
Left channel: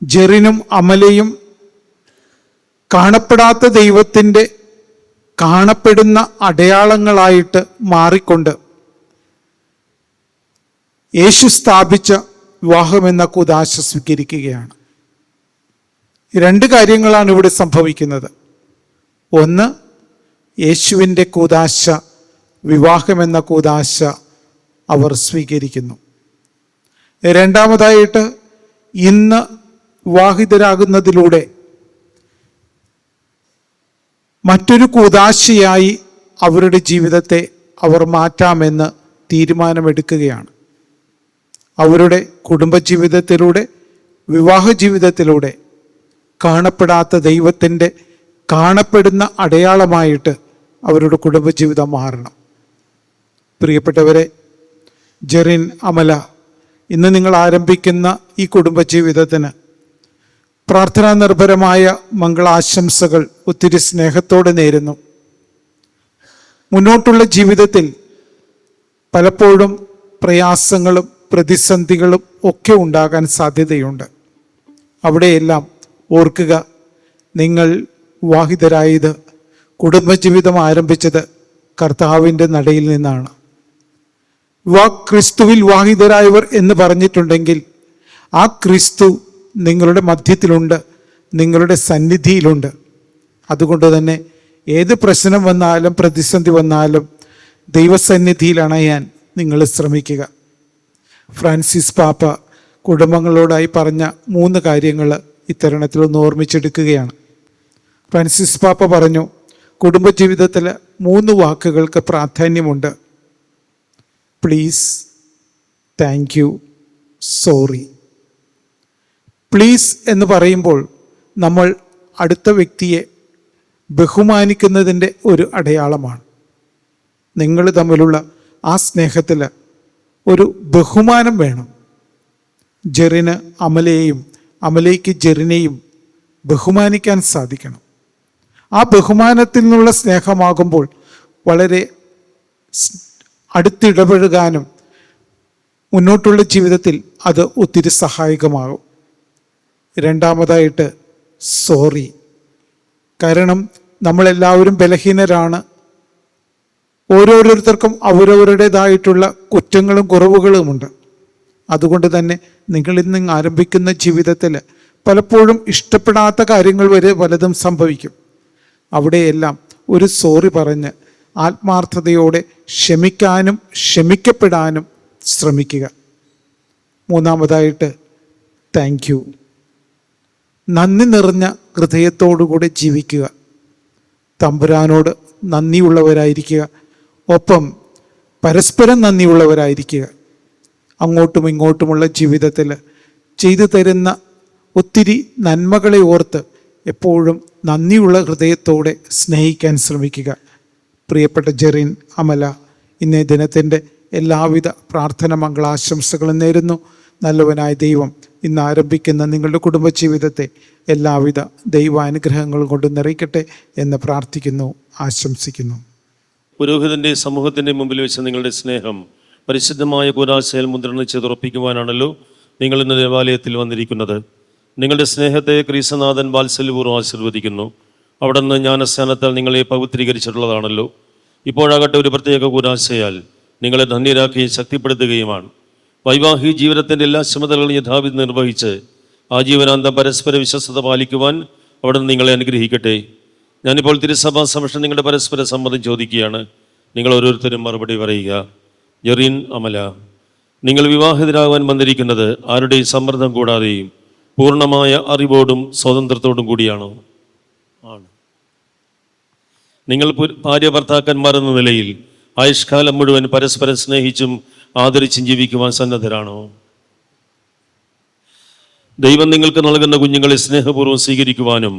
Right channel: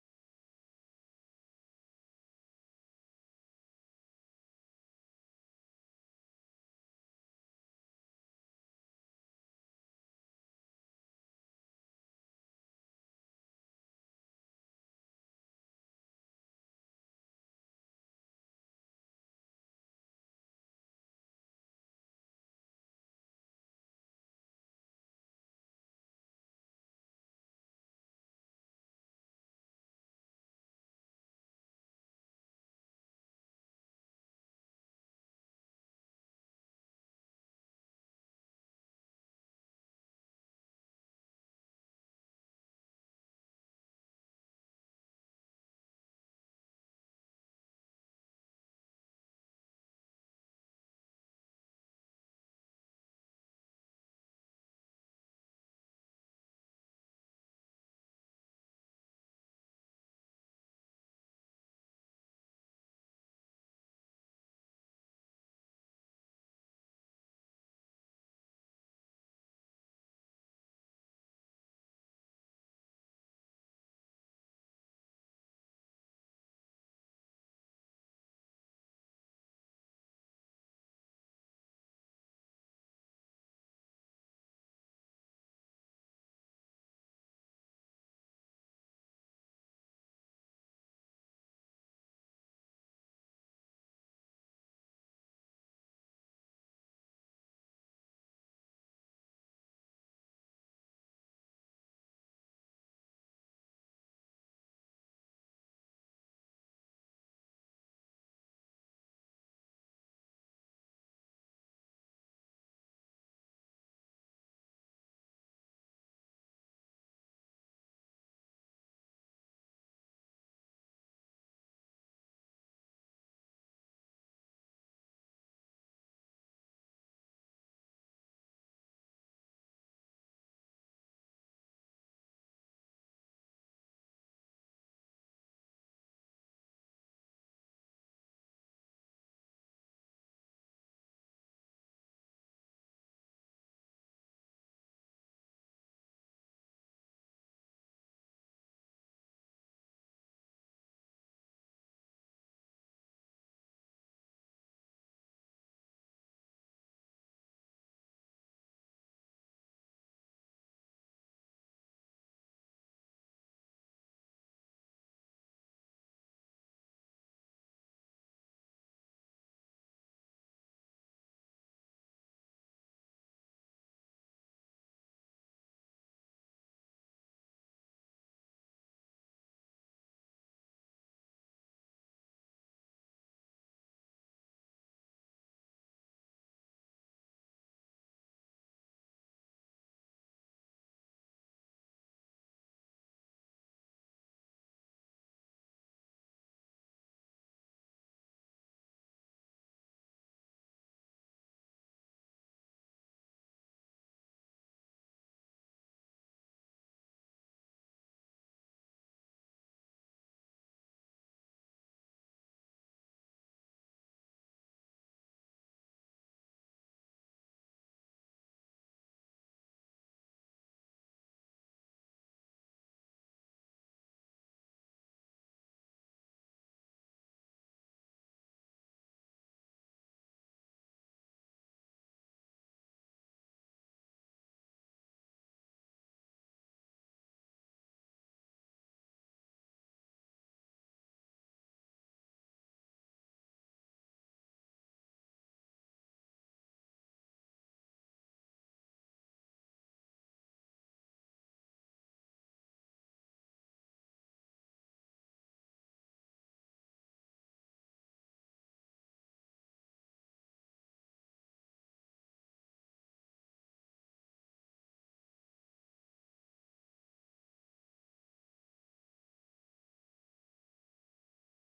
ജെറിനും അമലയും കാണപ്പെടാത്ത ദൈവത്തിൻ്റെ കാണപ്പെടുന്ന അടയാളങ്ങളായിട്ട് മാറിക്കൊണ്ട് യേശു സ്ഥാപിച്ച വിവാഹമെന്ന കൂദാശ സ്വീകരിക്കുകയാണ്. 2 കാര്യങ്ങളാണ് ഇവിടെ സംഭവിക്കുന്നത്. ഒന്ന്, യേശുവിൻ്റെ കൂദാശ, വിവാഹമെന്ന കൂദാശ അവർ സ്വീകരിക്കുന്നു. രണ്ടാമതായിട്ട്, ഇന്ന് വിവാഹിതരാകുന്നതിലൂടെ മറ്റൊരു കൂദാശയായി അവരുടെ ജീവിതത്തെ അവർ മാറ്റാമെന്ന് തീരുമാനമെടുക്കുകയാണ്. അവരുടെ കുടുംബജീവിതത്തിലൂടെ, വിവാഹ ജീവിതത്തിലൂടെ കാണപ്പെടാത്ത ദൈവത്തിൻ്റെ കാണപ്പെടുന്ന അടയാളമായിട്ട് അവരുടെ കുടുംബജീവിതം മാറണം. പ്രിയപ്പെട്ടവരെ, ജെറിൻ, അമല, ഇന്ന് നിങ്ങൾ ആരംഭിക്കുന്ന ഈ കുടുംബജീവിതത്തിന് പ്രാർത്ഥനാ നിർഭരമായ മംഗളാശംസകൾ ഒത്തിരി സ്നേഹത്തോടെ നേരുന്നു. മുന്നോട്ടുള്ള ജീവിതത്തിൽ പലപ്പോഴും പ്രയാസങ്ങളും പ്രതിസന്ധികളും ഒക്കെ ഉണ്ടാകാൻ സാധ്യതയുണ്ട്. അവിടെയെല്ലാം ഓർക്കുക, നിങ്ങൾ വിവാഹിതരായത്, കുടുംബജീവിതം ആരംഭിച്ചത് കർത്താവിൻ്റെ നടയിൽ നിന്നാണ്. ക്രിസ്തുവിൽ വിവാഹിതരായവർ എന്ന് പറഞ്ഞിട്ടുണ്ടെങ്കിൽ ആ ക്രിസ്തു നിങ്ങളുടെ മധ്യത്തിലുണ്ട്, നിങ്ങളുടെ സന്നിധിയിലുണ്ട്. അതുകൊണ്ട് തന്നെ ഏത് പ്രശ്നം വന്നാലും പ്രതിസന്ധി വന്നാലും ദൈവസന്നിധിയിൽ അണയാൻ നിങ്ങൾ ശ്രമിക്കുക. ഫ്രാൻസിസ് പാപ്പ കുടുംബങ്ങളോടായി പറഞ്ഞ 3 കാര്യങ്ങൾ ഇത്തരണത്തിൽ ഒന്ന് ഓർമ്മിച്ചെടുക്കുകയാണ്. ഫ്രാൻസിസ് പാപ്പ പറഞ്ഞു, കുടുംബജീവിതത്തിൽ 3 വാക്കുകൾക്ക് പ്രാധാന്യമുണ്ട്. Please, thank you, sorry. Please എന്ന് പറയുമ്പോൾ നമ്മൾ അടുത്ത വ്യക്തിയെ ബഹുമാനിക്കുന്നതിൻ്റെ ഒരു അടയാളമാണ്. നിങ്ങൾ തമ്മിലുള്ള ആ സ്നേഹത്തിൽ ഒരു ബഹുമാനം വേണം. ജെറിന് അമലയെയും, അമലയ്ക്ക് ജെറിനെയും ബഹുമാനിക്കാൻ സാധിക്കണം. ആ ബഹുമാനത്തിൽ നിന്നുള്ള സ്നേഹമാകുമ്പോൾ വളരെ അടുത്തിടപഴകാനും മുന്നോട്ടുള്ള ജീവിതത്തിൽ അത് ഒത്തിരി സഹായകമാകും. രണ്ടാമതായിട്ട് സോറി. കാരണം നമ്മളെല്ലാവരും ബലഹീനരാണ്. ഓരോരുത്തർക്കും അവരവരുടേതായിട്ടുള്ള കുറ്റങ്ങളും കുറവുകളുമുണ്ട്. അതുകൊണ്ട് തന്നെ നിങ്ങളിൽ നിന്ന് ആരംഭിക്കുന്ന ജീവിതത്തിൽ പലപ്പോഴും ഇഷ്ടപ്പെടാത്ത കാര്യങ്ങൾ വരെ പലതും സംഭവിക്കും. അവിടെയെല്ലാം ഒരു സോറി പറഞ്ഞ് ആത്മാർത്ഥതയോടെ ക്ഷമിക്കാനും ക്ഷമിക്കപ്പെടാനും ശ്രമിക്കുക. മൂന്നാമതായിട്ട് താങ്ക് യു. നന്ദി നിറഞ്ഞ ഹൃദയത്തോടുകൂടെ ജീവിക്കുക. തമ്പുരാനോട് നന്ദിയുള്ളവരായിരിക്കുക. ഒപ്പം പരസ്പരം നന്ദിയുള്ളവരായിരിക്കുക. അങ്ങോട്ടും ഇങ്ങോട്ടുമുള്ള ജീവിതത്തിൽ ചെയ്തു തരുന്ന ഒത്തിരി നന്മകളെ ഓർത്ത് എപ്പോഴും നന്ദിയുള്ള ഹൃദയത്തോടെ സ്നേഹിക്കാൻ ശ്രമിക്കുക. പ്രിയപ്പെട്ട ജെറിൻ, അമല, ഇന്നേ ദിനത്തിൻ്റെ എല്ലാവിധ പ്രാർത്ഥന മംഗളാശംസകളും നേരുന്നു. നല്ലവനായ ദൈവം ഇന്ന് ആരംഭിക്കുന്ന നിങ്ങളുടെ കുടുംബജീവിതത്തെ എല്ലാവിധ ദൈവാനുഗ്രഹങ്ങളും കൊണ്ട് നിറയ്ക്കട്ടെ എന്ന് പ്രാർത്ഥിക്കുന്നു, ആശംസിക്കുന്നു. പുരോഹിതൻ്റെ സമൂഹത്തിൻ്റെ മുമ്പിൽ വെച്ച് നിങ്ങളുടെ സ്നേഹം പരിശുദ്ധമായ കൂദാശയിൽ മുദ്രണം ചെയ്തുറപ്പിക്കുവാനാണല്ലോ നിങ്ങൾ ഇന്ന് ദേവാലയത്തിൽ വന്നിരിക്കുന്നത്. നിങ്ങളുടെ സ്നേഹത്തെ ക്രീസ്തുനാഥൻ വാത്സല്യപൂർവ്വം ആശീർവദിക്കുന്നു. അവിടെ നിന്ന് ജ്ഞാനസ്ഥാനത്താൽ നിങ്ങളെ പവിത്രീകരിച്ചിട്ടുള്ളതാണല്ലോ. ഇപ്പോഴാകട്ടെ ഒരു പ്രത്യേക കൂദാശയാൽ നിങ്ങളെ ധന്യരാക്കുകയും ശക്തിപ്പെടുത്തുകയുമാണ്. വൈവാഹിക ജീവിതത്തിൻ്റെ എല്ലാ ചുമതലകളും യഥാവിധി നിർവഹിച്ച് ആജീവനാന്തം പരസ്പര വിശ്വസ്തത പാലിക്കുവാൻ അവിടെ നിന്ന് നിങ്ങളെ അനുഗ്രഹിക്കട്ടെ. ഞാനിപ്പോൾ തിരുസഭാ സമക്ഷം നിങ്ങളുടെ പരസ്പര സമ്മതം ചോദിക്കുകയാണ്. നിങ്ങൾ ഓരോരുത്തരും മറുപടി പറയുക. ജെറിൻ, അമല, നിങ്ങൾ വിവാഹിതരാകാൻ വന്നിരിക്കുന്നത് ആരുടെയും സമ്മർദ്ദം കൂടാതെയും പൂർണ്ണമായ അറിവോടും സ്വാതന്ത്ര്യത്തോടും കൂടിയാണോ? ആണ്. നിങ്ങൾ ഭാര്യ ഭർത്താക്കന്മാർ എന്ന നിലയിൽ ആയുഷ്കാലം മുഴുവൻ പരസ്പരം സ്നേഹിച്ചും ആദരിച്ചും ജീവിക്കുവാൻ സന്നദ്ധരാണോ? ദൈവം നിങ്ങൾക്ക് നൽകുന്ന കുഞ്ഞുങ്ങളെ സ്നേഹപൂർവ്വം സ്വീകരിക്കുവാനും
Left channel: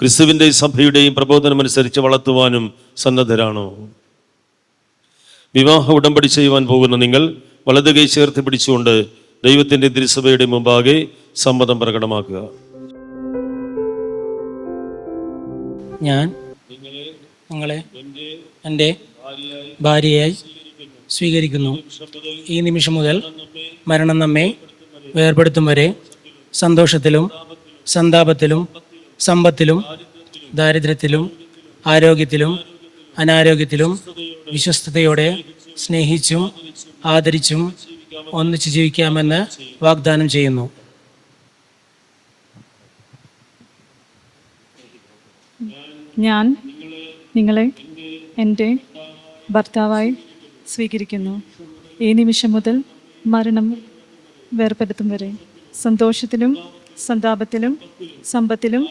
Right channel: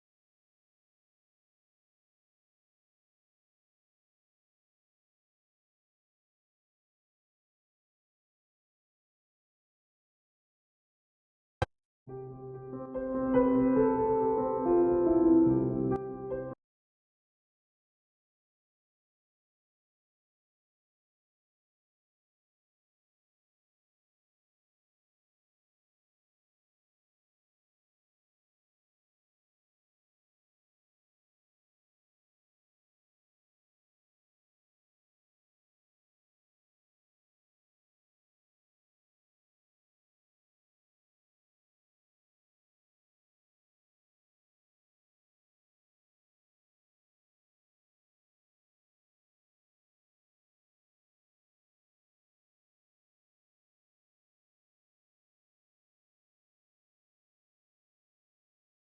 ക്രിസ്തുവിൻ്റെ സഭയുടെയും പ്രബോധനമനുസരിച്ച് വളർത്തുവാനും സന്നദ്ധരാണോ? വിവാഹ ഉടമ്പടി ചെയ്യുവാൻ പോകുന്ന നിങ്ങൾ വലത് കൈ ചേർത്ത് പിടിച്ചുകൊണ്ട് ദൈവത്തിൻ്റെ തിരുസഭയുടെ മുമ്പാകെ സമ്മതം പ്രകടമാക്കുക. ഞാൻ നിങ്ങളെ എൻ്റെ ഭാര്യയായി സ്വീകരിക്കുന്നു. ഈ നിമിഷം മുതൽ മരണം നമ്മെ വേർപെടുത്തും വരെ സന്തോഷത്തിലും സന്താപത്തിലും സമ്പത്തിലും ദാരിദ്ര്യത്തിലും ആരോഗ്യത്തിലും അനാരോഗ്യത്തിലും വിശ്വസ്തയോടെ സ്നേഹിച്ചും ആദരിച്ചും ഒന്നിച്ചു ജീവിക്കാമെന്ന് വാഗ്ദാനം ചെയ്യുന്നു. ഞാൻ നിങ്ങളെ എൻ്റെ ഭർത്താവായി സ്വീകരിക്കുന്നു. ഈ നിമിഷം മുതൽ മരണം വേർപെടുത്തും വരെ സന്തോഷത്തിലും സന്താപത്തിലും സമ്പത്തിലും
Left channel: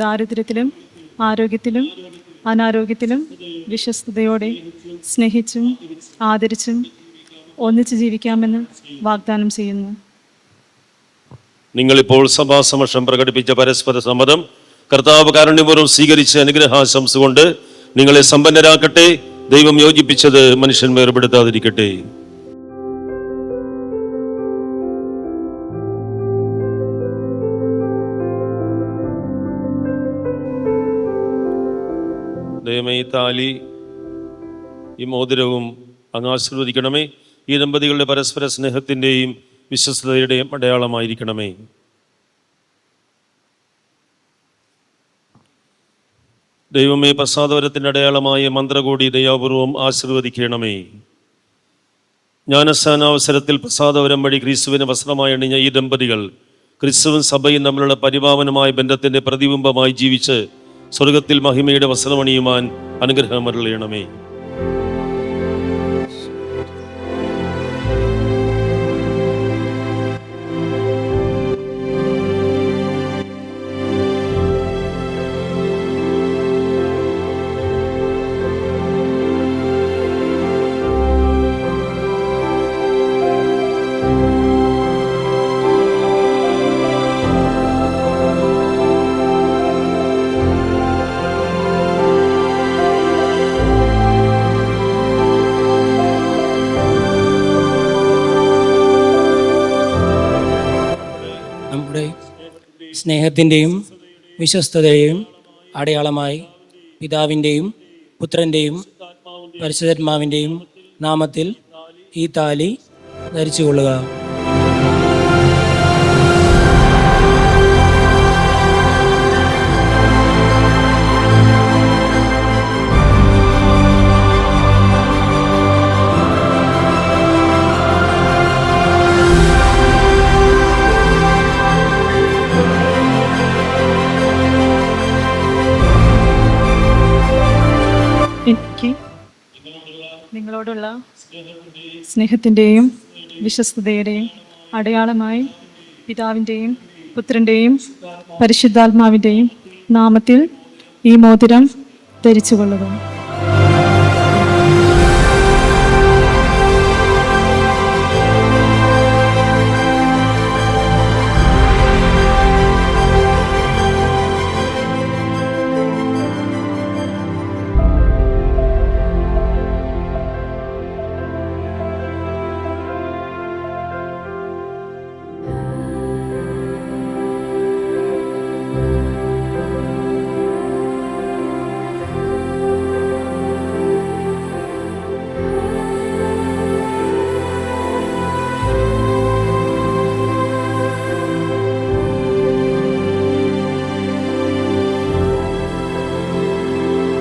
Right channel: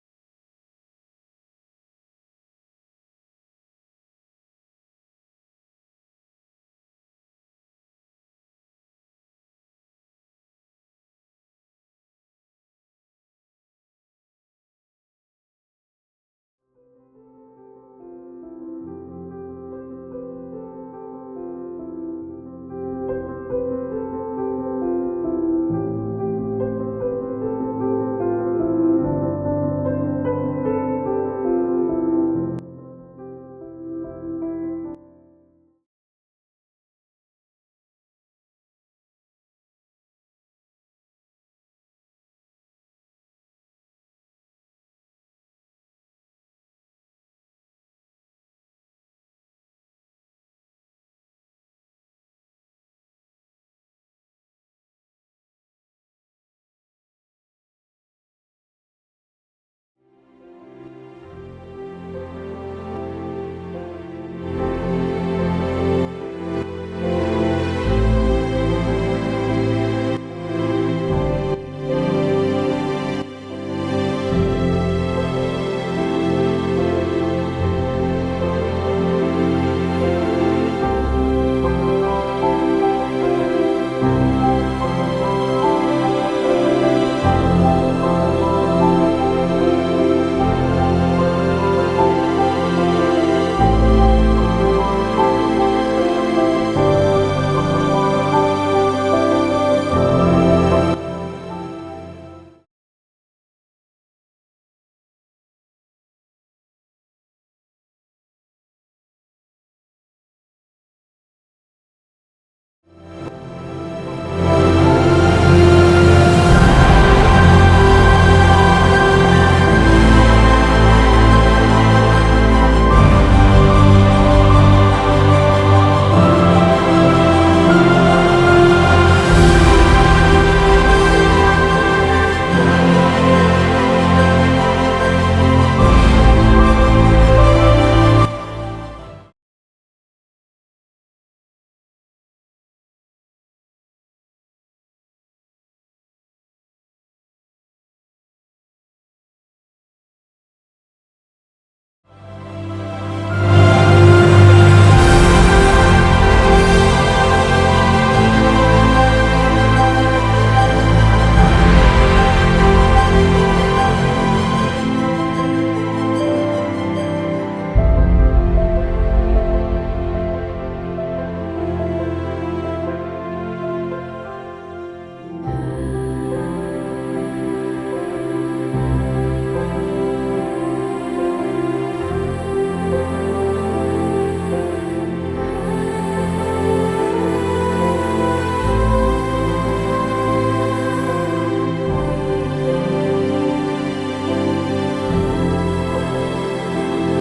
ദാരിദ്ര്യത്തിലും ആരോഗ്യത്തിലും അനാരോഗ്യത്തിലും വിശ്വസ്തയോടെ സ്നേഹിച്ചും ആദരിച്ചും ഒന്നിച്ച് ജീവിക്കാമെന്ന് വാഗ്ദാനം ചെയ്യുന്നു. നിങ്ങളിപ്പോൾ സഭാസമക്ഷം പ്രകടിപ്പിച്ച പരസ്പര സമ്മതം കർത്താവ് കാരുണ്യപൂർവ്വം സ്വീകരിച്ച് അനുഗ്രഹാശംസ കൊണ്ട് നിങ്ങളെ സമ്പന്നരാക്കട്ടെ. ദൈവം യോജിപ്പിച്ചത് മനുഷ്യൻ വേർപെടുത്താതിരിക്കട്ടെ. ദൈവമേ, ഈ താലി, ഈ മോതിരവും അങ്ങ് ആശീർവദിക്കണമേ. ഈ ദമ്പതികളുടെ പരസ്പര സ്നേഹത്തിൻ്റെയും വിശ്വസ്തതയുടെയും അടയാളമായിരിക്കണമേ. ദൈവമേ, പ്രസാദവരത്തിൻ്റെ അടയാളമായ മന്ത്രകൂടി ദയാപൂർവം ആശീർവദിക്കണമേ. ജ്ഞാനസ്ഥാനാവസരത്തിൽ പ്രസാദവരം വഴി ക്രിസ്തുവിനെ വസ്ത്രമായി അണിഞ്ഞ ഈ ദമ്പതികൾ ക്രിസ്തുവും സഭയും തമ്മിലുള്ള പരിപാവനമായ ബന്ധത്തിൻ്റെ പ്രതിബിംബമായി ജീവിച്ച് സ്വർഗത്തിൽ മഹിമയുടെ വസ്ത്രമണിയുവാൻ അനുഗ്രഹം അരുളണമേ. സ്നേഹത്തിൻ്റെയും വിശ്വസ്തതയുടെയും അടയാളമായി പിതാവിൻ്റെയും പുത്രൻ്റെയും പരിശുദ്ധാത്മാവിൻ്റെയും നാമത്തിൽ ഈ താലി ധരിച്ചുകൊള്ളുക. എനിക്ക് നിങ്ങളോടുള്ള സ്നേഹത്തിൻ്റെയും വിശ്വസ്തതയുടെയും അടയാളമായി പിതാവിൻ്റെയും പുത്രൻ്റെയും പരിശുദ്ധാത്മാവിൻ്റെയും നാമത്തിൽ ഈ മോതിരം ധരിച്ചുകൊള്ളുക.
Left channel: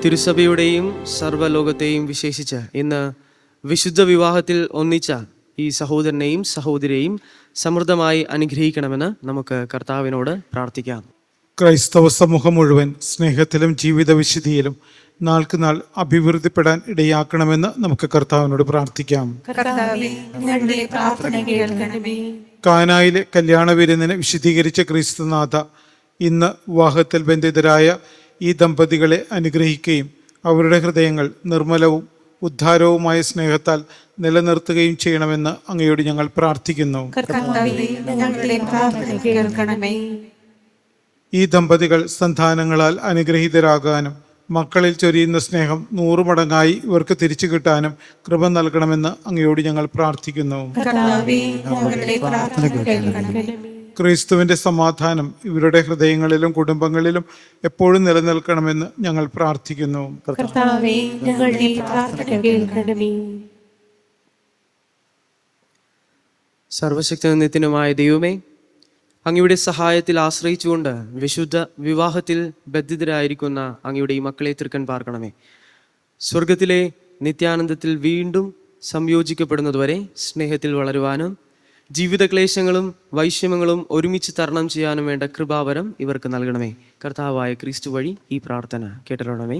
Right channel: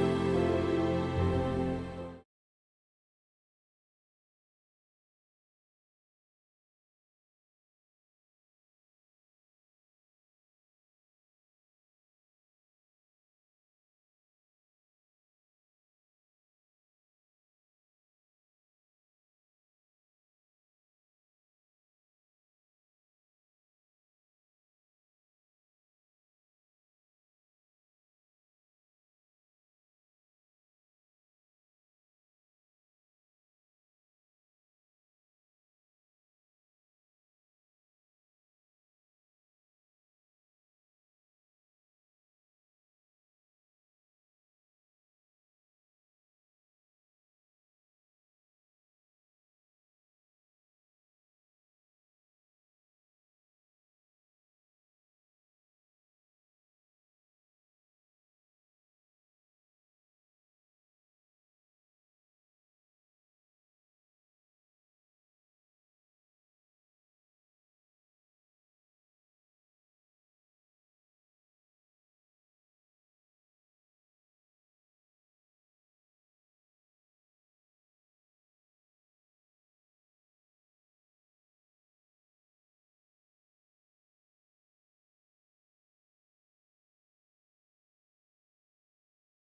തിരുസഭയുടെയും സർവ്വലോകത്തെയും വിശേഷിച്ച് ഇന്ന് വിശുദ്ധ വിവാഹത്തിൽ ഒന്നിച്ച ഈ സഹോദരനെയും സഹോദരിയെയും സമൃദ്ധമായി അനുഗ്രഹിക്കണമെന്ന് നമുക്ക് കർത്താവിനോട് പ്രാർത്ഥിക്കാം. ക്രൈസ്തവ സമൂഹം മുഴുവൻ സ്നേഹത്തിലും ജീവിത വിശുദ്ധിയിലും നാൾക്ക് നാൾ അഭിവൃദ്ധിപ്പെടാൻ ഇടയാക്കണമെന്ന് നമുക്ക് കർത്താവിനോട് പ്രാർത്ഥിക്കാം. കാനായിലെ കല്യാണ വിരുന്നിനെ വിശദീകരിച്ച ക്രിസ്തുനാഥ, ഇന്ന് വിവാഹത്തിൽ ബന്ധിതരായ ഈ ദമ്പതികളെ അനുഗ്രഹിക്കുകയും അവരുടെ ഹൃദയങ്ങൾ നിർമ്മലവും ഉദ്ധാരവുമായ സ്നേഹത്താൽ നിലനിർത്തുകയും ചെയ്യണമെന്ന് അങ്ങയോട് ഞങ്ങൾ പ്രാർത്ഥിക്കുന്നു. ഈ ദമ്പതികൾ സന്താനങ്ങളാൽ അനുഗ്രഹീതരാകാനും മക്കളിൽ ചൊരിയുന്ന സ്നേഹം 100 മടങ്ങായി ഇവർക്ക് തിരിച്ചു കിട്ടാനും കൃപ നൽകണമെന്ന് അങ്ങയോട് ഞങ്ങൾ പ്രാർത്ഥിക്കുന്നു. ക്രിസ്തുവിന്റെ സമാധാനം ഇവരുടെ ഹൃദയങ്ങളിലും കുടുംബങ്ങളിലും എപ്പോഴും നിലനിൽക്കണമെന്ന് ഞങ്ങൾ പ്രാർത്ഥിക്കുന്നു. സർവശക്തനും നിത്യനുമായ ദൈവമേ, അങ്ങയുടെ സഹായത്തിൽ ആശ്രയിച്ചുകൊണ്ട് വിശുദ്ധ വിവാഹത്തിൽ ബദ്ധിതരായിരിക്കുന്ന അങ്ങയുടെ ഈ മക്കളെ തൃക്കൺ പാർക്കണമേ. സ്വർഗത്തിലെ നിത്യാനന്ദത്തിൽ വീണ്ടും സംയോജിക്കപ്പെടുന്നതുവരെ സ്നേഹത്തിൽ വളരുവാനും ജീവിതക്ലേശങ്ങളും വൈഷമ്യങ്ങളും ഒരുമിച്ച് തരണം ചെയ്യാനും വേണ്ട കൃപാവരം ഇവർക്ക് നൽകണമേ. കർത്താവായ ക്രിസ്തു വഴി ഈ പ്രാർത്ഥന കേട്ടറിയണമേ.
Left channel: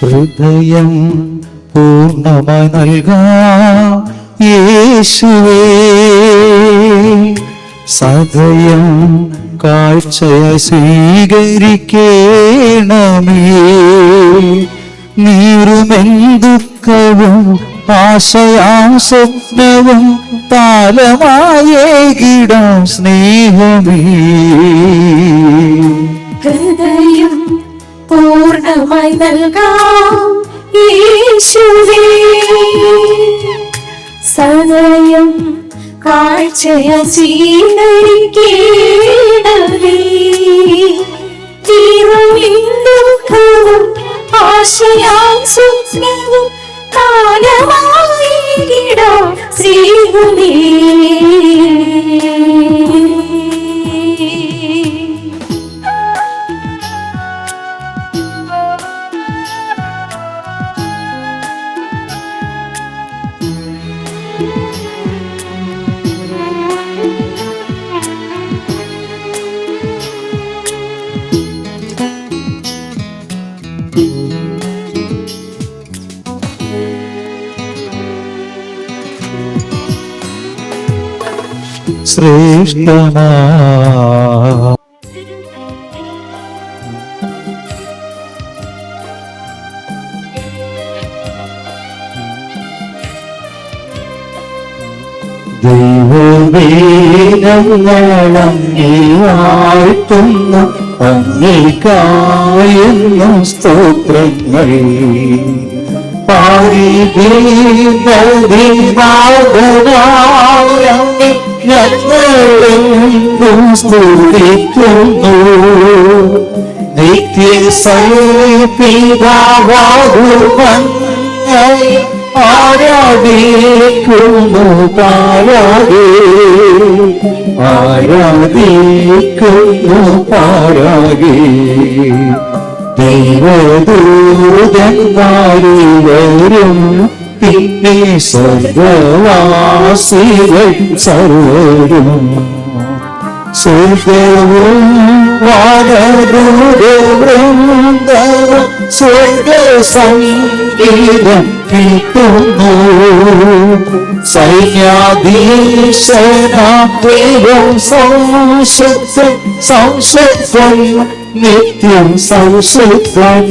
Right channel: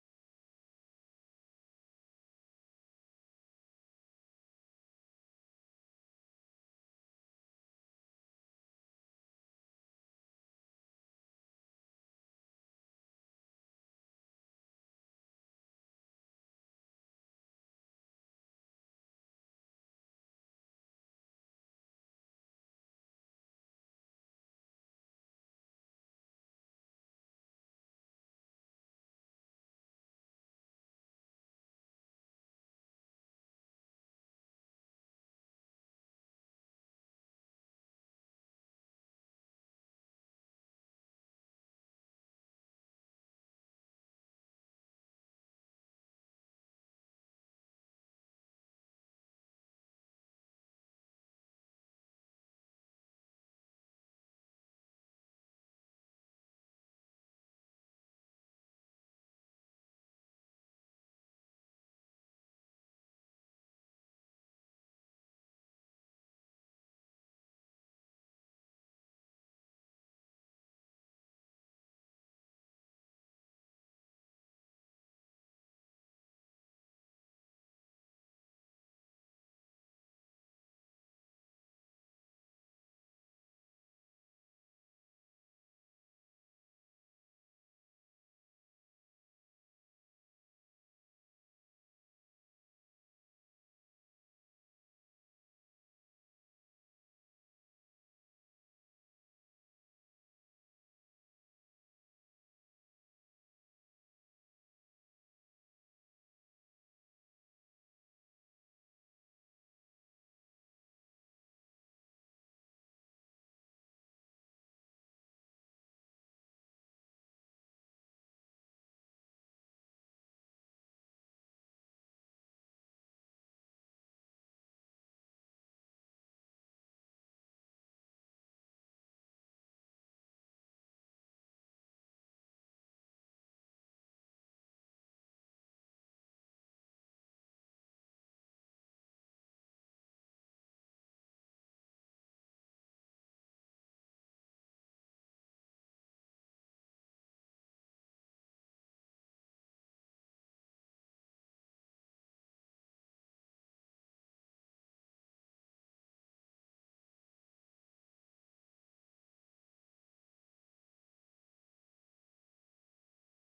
ഹൃദയം പൂർണ്ണമായി നൽകാം യേശുവേ, സദയം കാഴ്ചയായി സ്വീകരിക്കണമേ. നീറുമെൻ ദുഃഖവും ആശയാം സ്വപ്നവും താലമായേകിടാം സ്നേഹമേ. ഹൃദയം പൂർണ്ണമായി നൽകാം യേശുവേ, സദയം കാഴ്ചയായി സ്വീകരിക്കണമേ. തീരുമെൻ ദുഃഖവും ആശയാം സ്വപ്നവും കാലമായിടാം സ്നേഹമേ. ശ്രേഷ്ഠമാ ദൈവമേ ഞങ്ങളങ്ങേ വാഴ്ത്തുന്നു, അങ്ങേയ്ക്കായെന്നും സ്തോത്രങ്ങൾ. പാരിതീനാഥനായങ്ങേ ഞങ്ങളെന്നും സ്തുതിക്കുന്നു. നിത്യസൈപിതാവാകുമങ്ങയെ ആരാധിക്കുന്നു പാരാകെ, ആരാധിക്കുന്നു പാരാകെ. ദൈവദൂതന്മാരിവരും പിന്നെ സ്വർഗവാസികൾ സർവരും, സ്വർഗവും വാനദൂതവൃന്ദവും സ്വർഗസംഗീതം കേൾക്കുന്നു. സൈന്യാധീശനാം ദൈവം സംശുദ്ധൻ, സംശുദ്ധൻ, നിത്യം സംശുദ്ധൻ,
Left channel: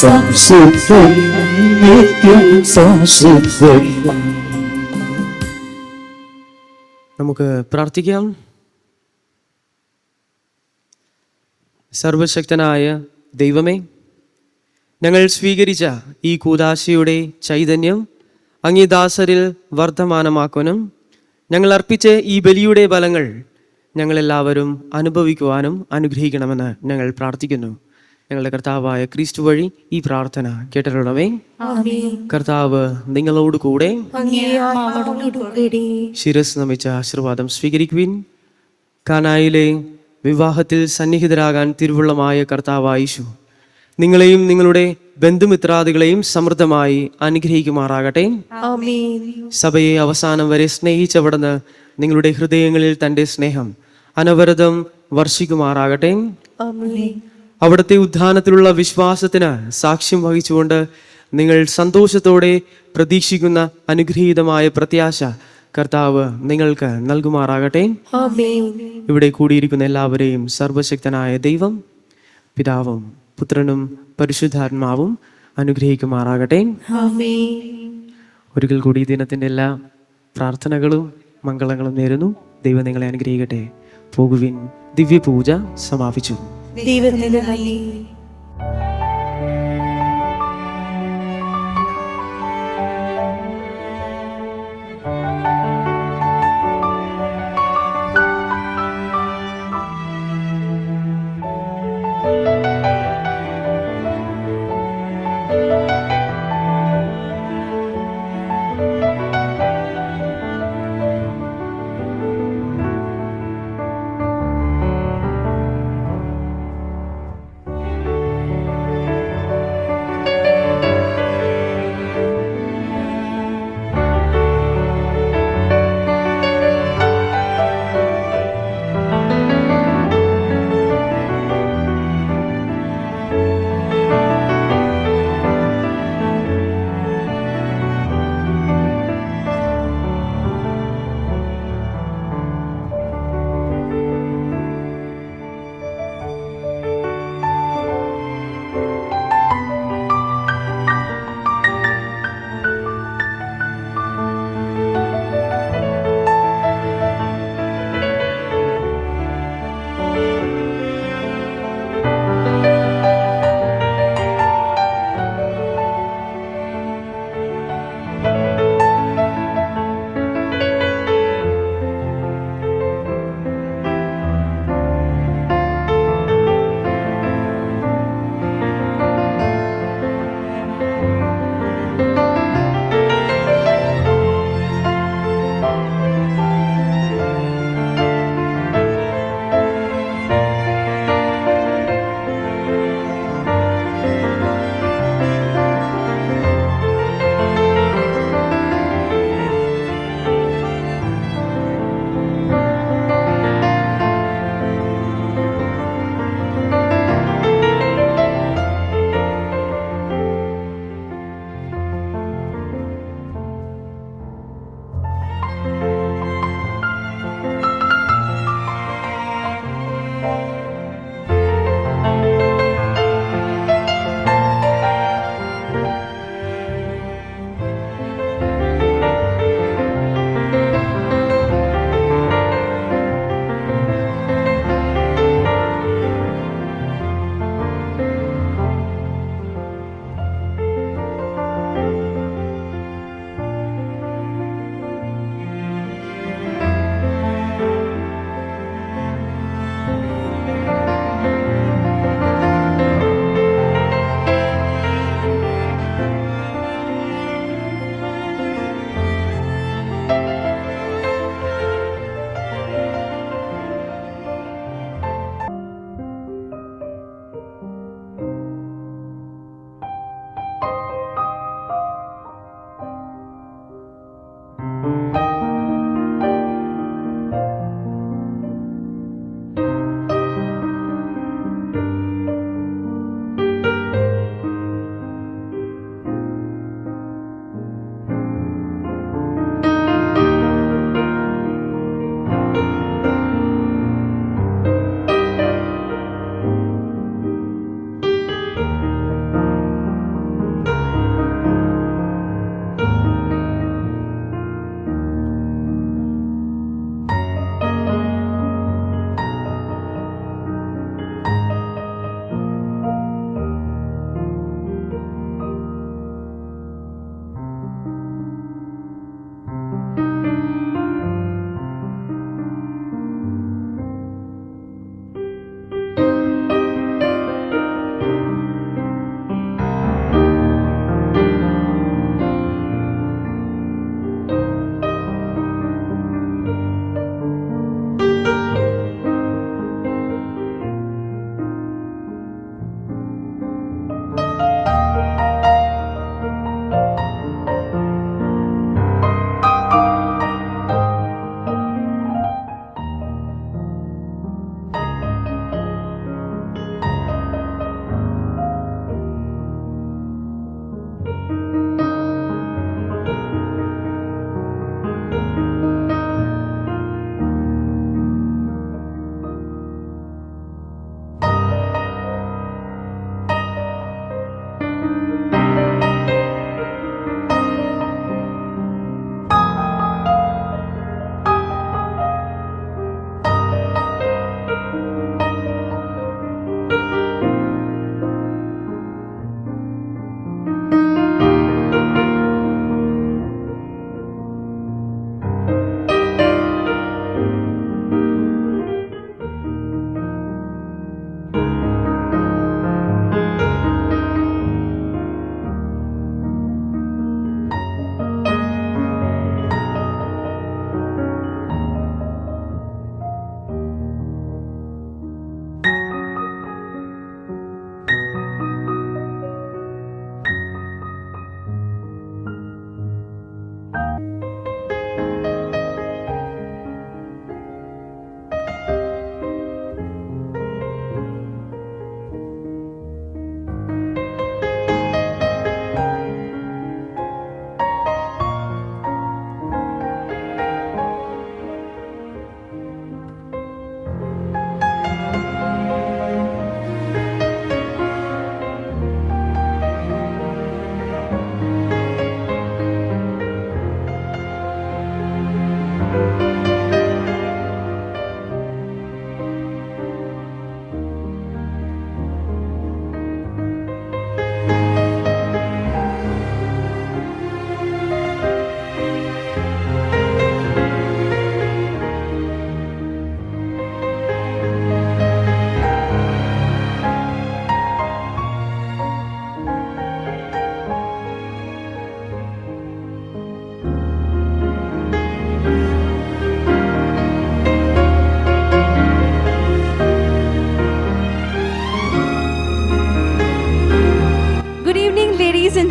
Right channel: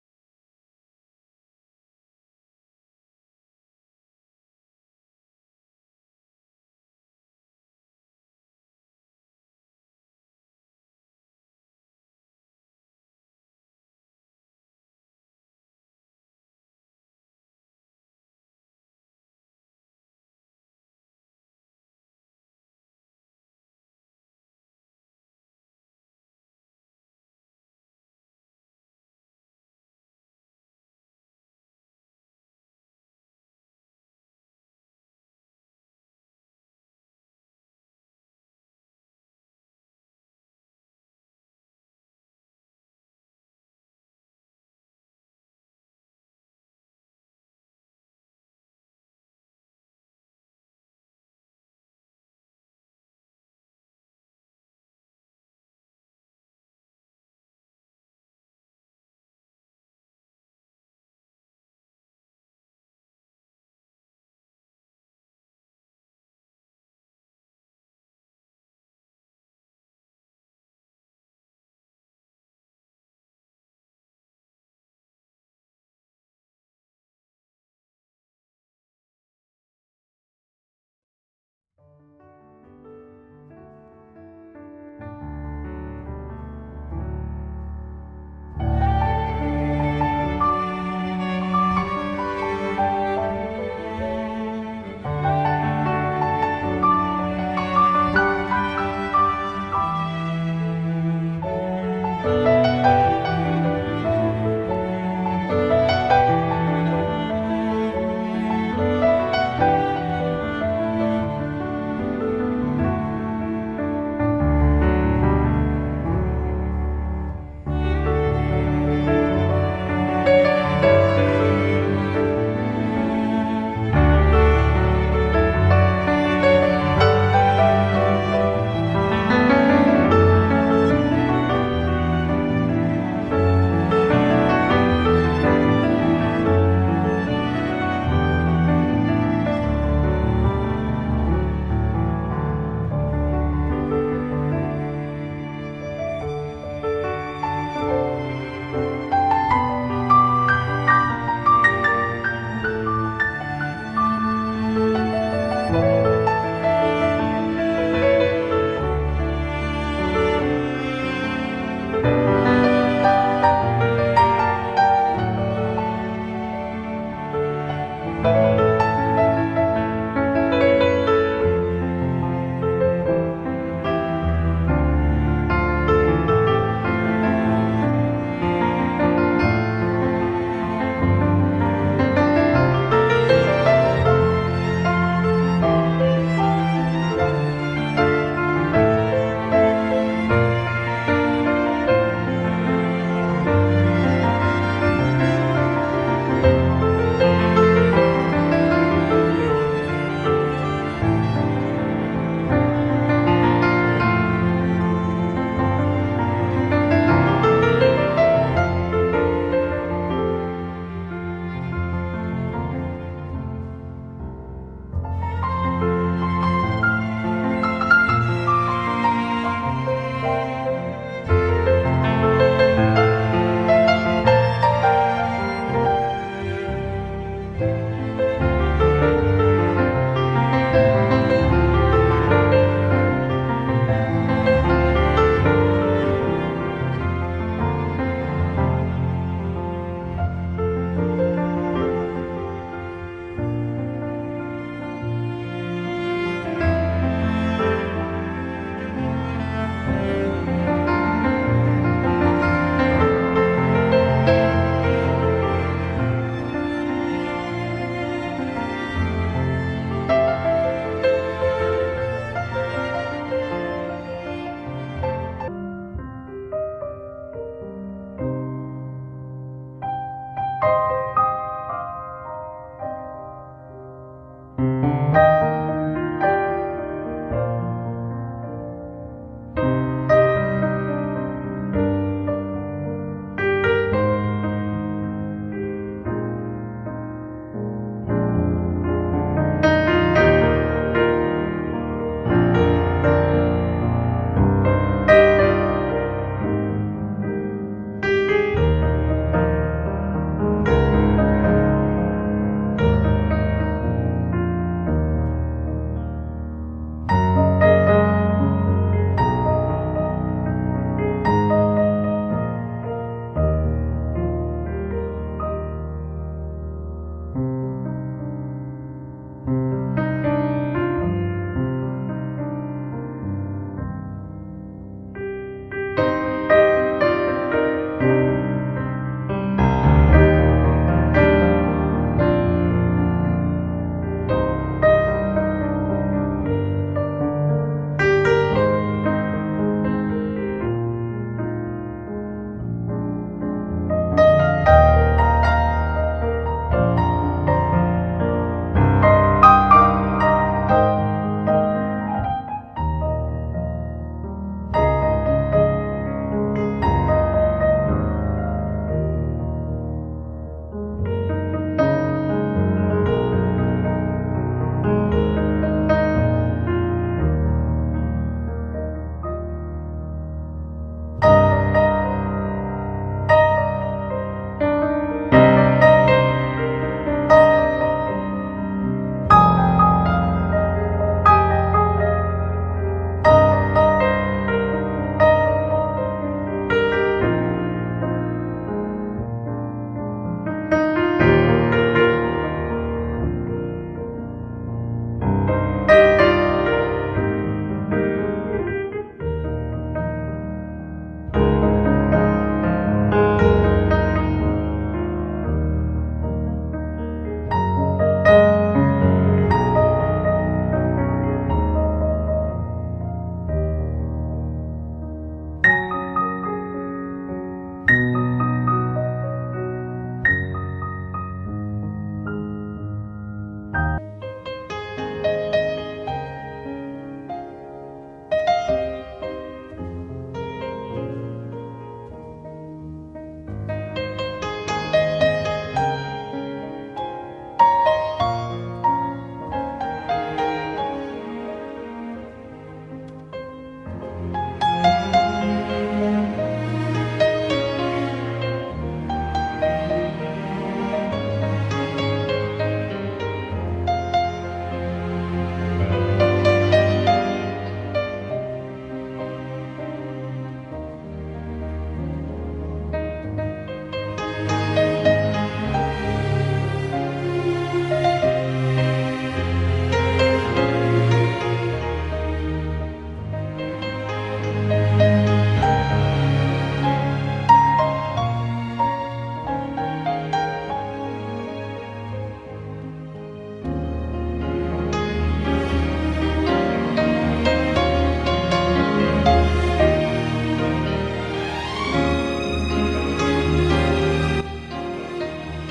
സംശുദ്ധൻ, നിത്യം സംശുദ്ധൻ. നമുക്ക് പ്രാർത്ഥിക്കാം. സർവശക്തനായ ദൈവമേ, ഞങ്ങൾ സ്വീകരിച്ച ഈ കൂദാശയുടെ ചൈതന്യം അങ്ങേ ദാസരിൽ വർദ്ധമാനമാക്കുവാനും ഞങ്ങൾ അർപ്പിച്ച ഈ ബലിയുടെ ഫലങ്ങൾ ഞങ്ങളെല്ലാവരും അനുഭവിക്കുവാനും അനുഗ്രഹിക്കണമെന്ന് ഞങ്ങൾ പ്രാർത്ഥിക്കുന്നു. ഞങ്ങളുടെ കർത്താവായ ക്രിസ്തു വഴി ഈ പ്രാർത്ഥന കേട്ടിട്ടുള്ളവേ. കർത്താവ് നിങ്ങളോട് കൂടെ. ശിരസ് നമിച്ച ആശീർവാദം സ്വീകരിക്കുവിൻ. കാനായിലെ വിവാഹത്തിൽ സന്നിഹിതരാകാൻ തിരുവുള്ളമായ കർത്താവായ യേശു നിങ്ങളെയും നിങ്ങളുടെ ബന്ധുമിത്രാദികളെയും സമൃദ്ധമായി അനുഗ്രഹിക്കുമാറാകട്ടെ. സഭയെ അവസാനം വരെ സ്നേഹിച്ചവിടുന്ന് നിങ്ങളുടെ ഹൃദയങ്ങളിൽ തൻ്റെ സ്നേഹം അനവരതം വർഷിക്കുമാറാകട്ടെ. അവിടുത്തെ ഉദ്ധാനത്തിലുള്ള വിശ്വാസത്തിന് സാക്ഷ്യം വഹിച്ചുകൊണ്ട് നിങ്ങൾ സന്തോഷത്തോടെ പ്രതീക്ഷിക്കുന്ന അനുഗ്രഹീതമായ പ്രത്യാശ കർത്താവ് നിങ്ങൾക്ക് നൽകുമാറാകട്ടെ. ഇവിടെ കൂടിയിരിക്കുന്ന എല്ലാവരെയും സർവശക്തനായ ദൈവം പിതാവും പുത്രനും പരിശുദ്ധാത്മാവും അനുഗ്രഹിക്കുമാറാകട്ടെ. ഒരിക്കൽ കൂടി ദിനത്തിൻ്റെ എല്ലാ പ്രാർത്ഥനകളും മംഗളങ്ങളും നേരുന്നു. ദൈവം നിങ്ങളെ അനുഗ്രഹിക്കട്ടെ. പോകുവിൻ. ദിവ്യപൂജ സമാപിച്ചു. ദൈവത്തിന് നന്ദി.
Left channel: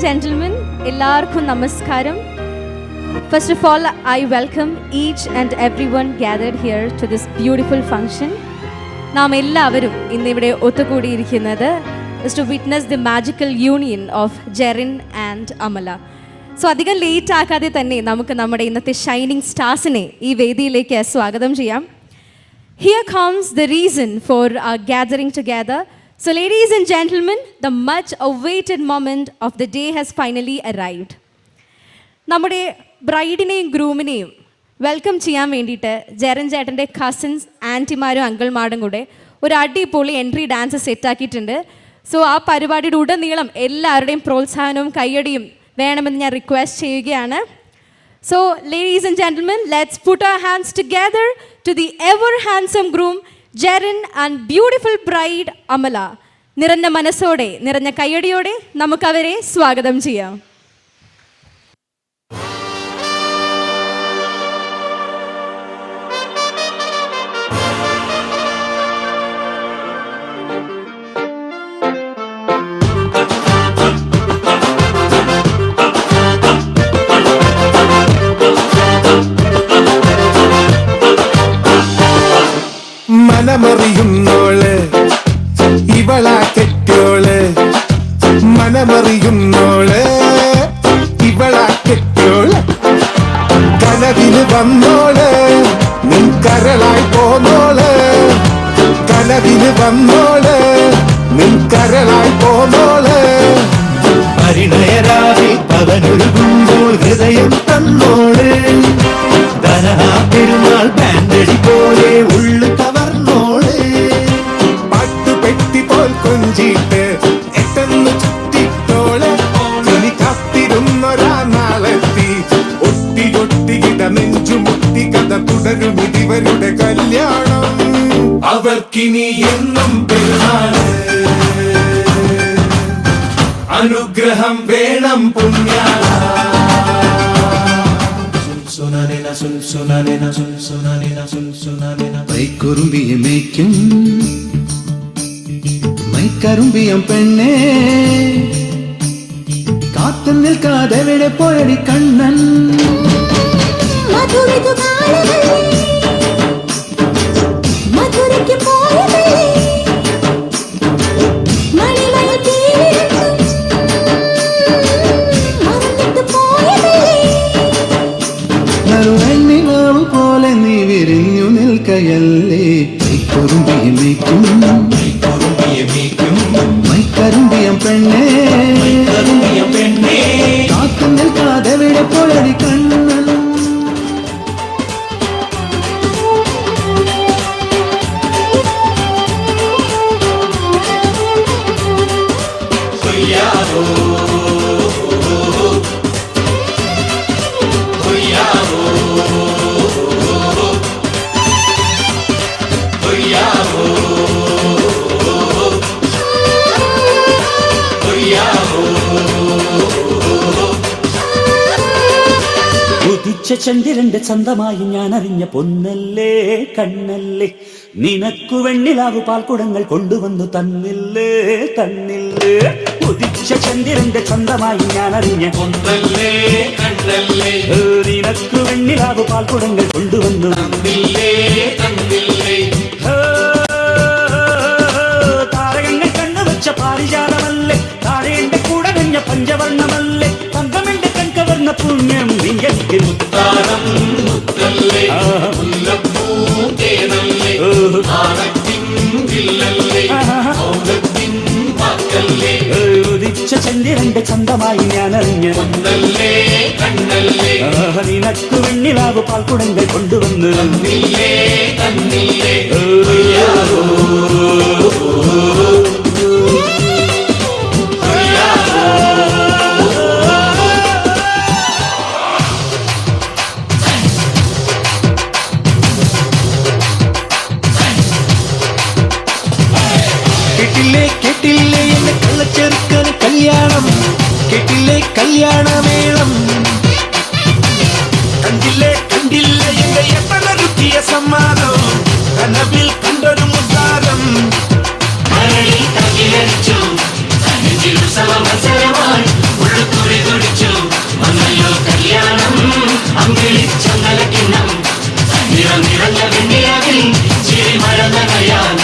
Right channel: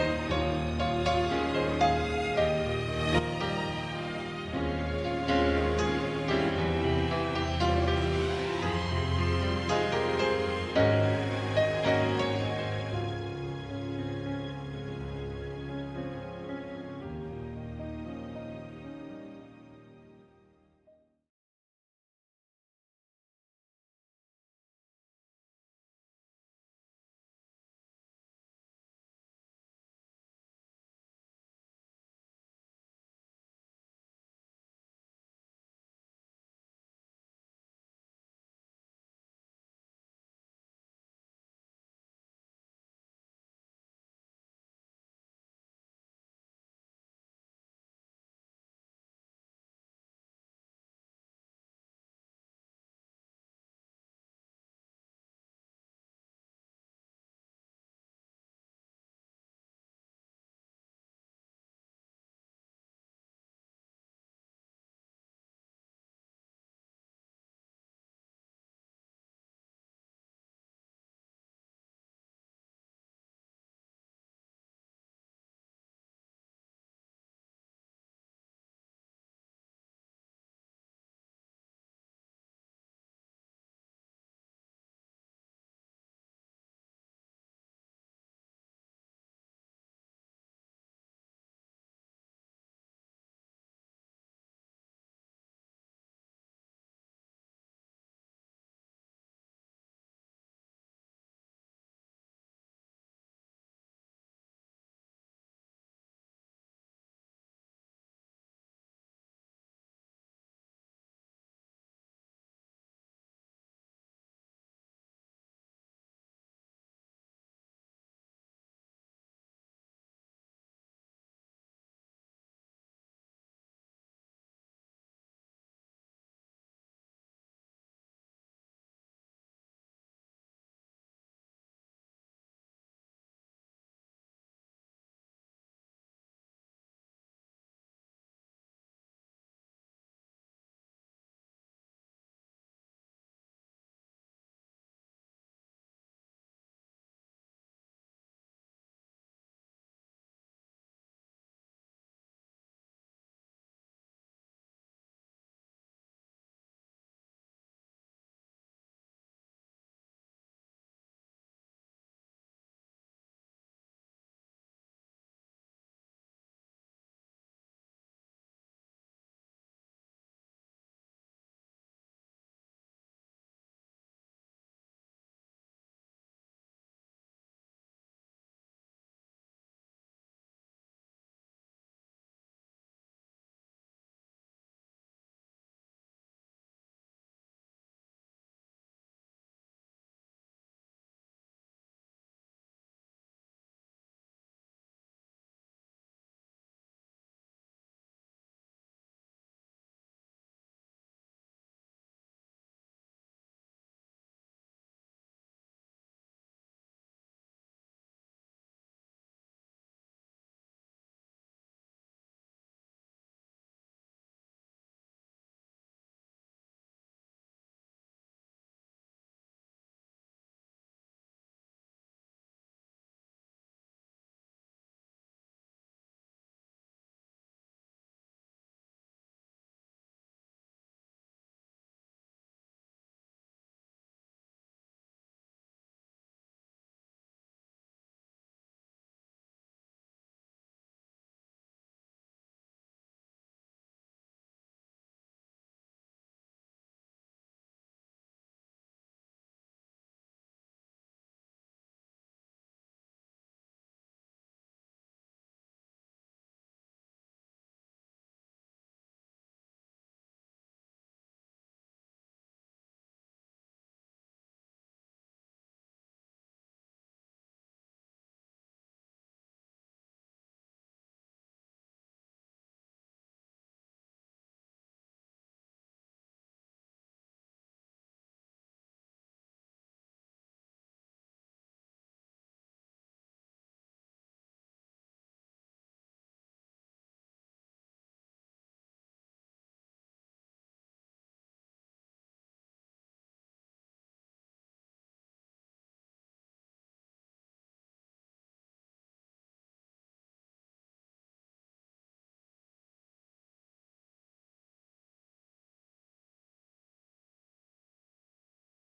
gentlemen, എല്ലാവർക്കും നമസ്കാരം. First of all, I welcome each and everyone gathered here to this beautiful function. നാം എല്ലാവരും ഇന്നിവിടെ ഒത്തുകൂടിയിരിക്കുന്നത് is to witness the magical union of Jerin and Amala. So അധികം ലേറ്റ് ആക്കാതെ തന്നെ നമുക്ക് നമ്മുടെ ഇന്നത്തെ ഷൈനിങ് സ്റ്റാർസിനെ ഈ വേദിയിലേക്ക് സ്വാഗതം ചെയ്യാം. Here comes the reason for our gathering together. So ladies and gentlemen, the much awaited moment of the day has finally arrived. നമ്മുടെ ബ്രൈഡിനെയും ഗ്രൂമിനെയും വെൽക്കം ചെയ്യാൻ വേണ്ടിയിട്ട് ജെറിൻ ചേട്ടൻ്റെ കസിൻസ് ആൻറ്റിമാരും അങ്കിൾമാരും കൂടെ ഒരു അടിപൊളി എൻട്രി ഡാൻസ് സെറ്റാക്കിയിട്ടുണ്ട്. സോ ആ പരിപാടിയുടെ ഉടനീളം എല്ലാവരുടെയും പ്രോത്സാഹനവും കയ്യടിയും വേണമെന്ന് ഞാൻ റിക്വസ്റ്റ് ചെയ്യുകയാണ്. So ladies and gentlemen, let's put our hands together to the ever handsome groom Jerin and beautiful bride Amala. നിറഞ്ഞ മനസ്സോടെ നിറഞ്ഞ കയ്യടിയോടെ നമുക്കവരെ സ്വാഗതം ചെയ്യാം. വന്നോള് ഇവളാ കെട്ടോള് കനവിന് വന്നോള് നിൻ കരളായി പോന്നോള് കനവിന് വന്നോള് നിൻ കരളായി പോന്നോള് പരിണയരാവിൽ പവനൊരുകുമ്പോൾ ഹൃദയം തന്നോള് ധനഹാ പെരുന്നാൾ ബാൻഡടി പോലെ ഉള്ളു കവർന്നോള് പാട്ടുപെട്ടി പോൽ കൊഞ്ചിട്ട് എട്ടെന്ന് ചുറ്റിട്ടോള് ഇനി കാത്തിരുന്നൊരാ നാളെത്തി ഒട്ടി ഒട്ടി ഇട നെഞ്ചുമുട്ടി കഥ തുടരും ഇതിവരുടെ കല്യാണം അവർക്കിനി എന്നും പെരുന്നാള് അനുഗ്രഹം വേണം പുണ്യ കൈക്കുറുമ്പിയെ മേയ്ക്കും മൈക്കറുമ്പിയം പെണ്ണേ കാത്തു നിൽക്കാതെ എവിടെ പോയടി കണ്ണൻ പോലെ നീ വിരിഞ്ഞു നിൽക്കയല്ലേ കൈക്കുറുമ്പിയെ മേയ്ക്കും മൈക്കറുമ്പിയം പെണ്ണേ കാത്തു നിൽക്കാതെ എവിടെ പോയടി കണ്ണൻ ചന്ദ്രന്റെ ചന്തമായി ഞാൻ അറിഞ്ഞ പൊന്നല്ലേ കണ്ണല്ലേ നിനക്കു വെണ്ണിലാവു പാൽക്കുടങ്ങൾ കൊണ്ടുവന്നു തന്നില്ലേ തന്നില്ലേ ഉദിച്ച ചന്ദ്രന്റെ ചന്തമായി ഞാൻ അറിഞ്ഞ പൊന്നല്ലേ കണ്ണല്ലേ നിനക്കു വെണ്ണിലാവു പാൽക്കുടങ്ങൾ കൊണ്ടുവന്നു തന്നില്ലേ തന്നില്ലേ താരകങ്ങൾ കണ്ണുവച്ച പാരിജാതമല്ലേ താഴേന്റെ കൂടെ നഞ്ഞ പഞ്ചവർണ്ണമല്ലേ തങ്കമെന്റെ കൺകവർണ്ണ പുണ്യം നിങ്ങൾക്ക് മുത്താരം മുത്തല്ലേ മുല്ലപ്പൂ തേനല്ലേ ആനത്തിൻ വില്ലല്ലേ ഔനത്തിൻ വാക്കല്ലേ ഉദിച്ച ചന്ദ്രന്റെ ചന്തമായി ഞാൻ അറിഞ്ഞ പൊന്നല്ലേ കണ്ണല്ലേ നിനക്കു വെണ്ണിലാവ് പാൽക്കുടങ്ങൾ കൊണ്ടുവന്നു തന്നില്ലേ തന്നില്ലേ കേട്ടില്ലേ എന്നെ കള്ളച്ചെറുക്കന് കല്യാണം കേട്ടില്ലേ കല്യാണമേളം കണ്ടില്ലേ എന്റെ എപ്പനൊരുക്കിയ സമ്മാനം കനവിൽ കണ്ടൊരു മുദ്രാരം കല്യാണം അമ്പിളിച്ചങ്ങലക്കിണ്ണം നിറഞ്ഞ വെണ്ണിയാവിൽ ചിരി മഴന്ന കയ്യാൻ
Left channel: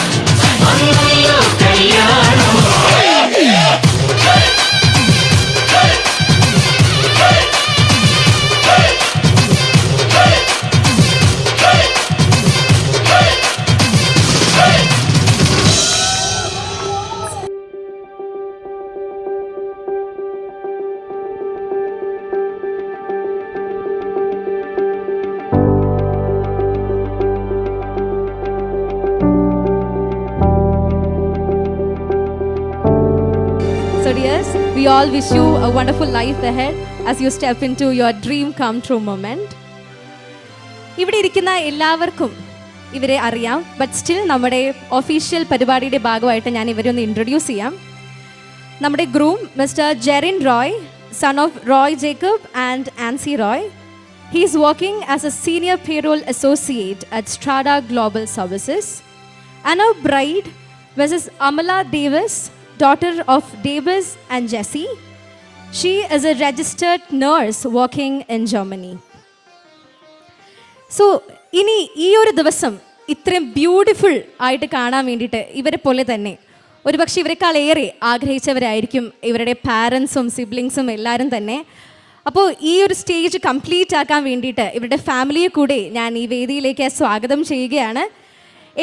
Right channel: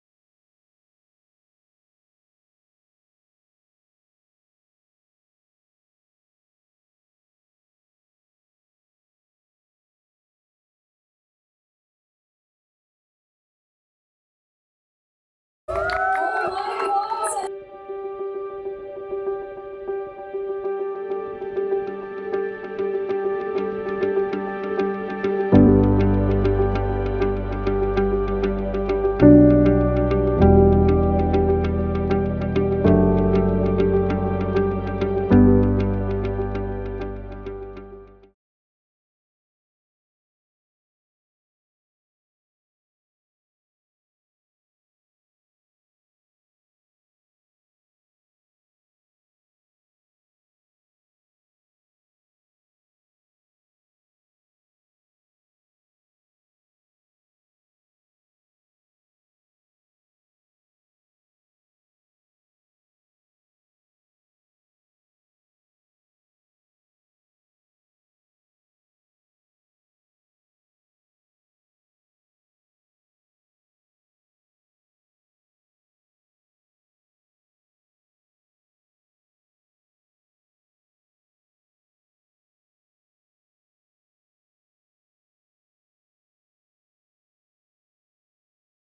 So dears, we all wish you a wonderful life ahead as you step into your dream come true moment. ഇവിടെ ഇരിക്കുന്ന എല്ലാവർക്കും ഇവരെ അറിയാം, ബട്ട് സ്റ്റിൽ നമ്മുടെ ഒഫീഷ്യൽ പരിപാടിയുടെ ഭാഗമായിട്ട് ഞാൻ ഇവരെ ഒന്ന് ഇൻട്രൊഡ്യൂസ് ചെയ്യാം. നമ്മുടെ groom mister Jerin Roy, son of Roy Jacob and Ancy Roy. He is working as a senior payroll associate at Strada Global Services. And our bride, Mrs. Amala Davis, daughter of Davis and Jesse. She is a registered nurse working in Germany. So, ഇനി ഈ ഒരു ദിവസം ഇത്രയും beautiful ആയിട്ട് കാണാൻ വേണ്ടിയിട്ട് ഇവരെ പോലെ തന്നെ ഒരുപക്ഷെ ഇവരെക്കാൾ ഏറെ ആഗ്രഹിച്ചവരായിരിക്കും ഇവരുടെ പാരൻസും സിബ്ലിങ്സും എല്ലാവരും തന്നെ. അപ്പോൾ ഈ ഒരു സ്റ്റേജ് കംപ്ലീറ്റ് ആക്കാൻ വേണ്ടിയിട്ട് ഇവരുടെ ഫാമിലിയെ കൂടെ ഞാൻ ഈ വേദിയിലേക്ക് സ്വാഗതം ചെയ്യുകയാണ്.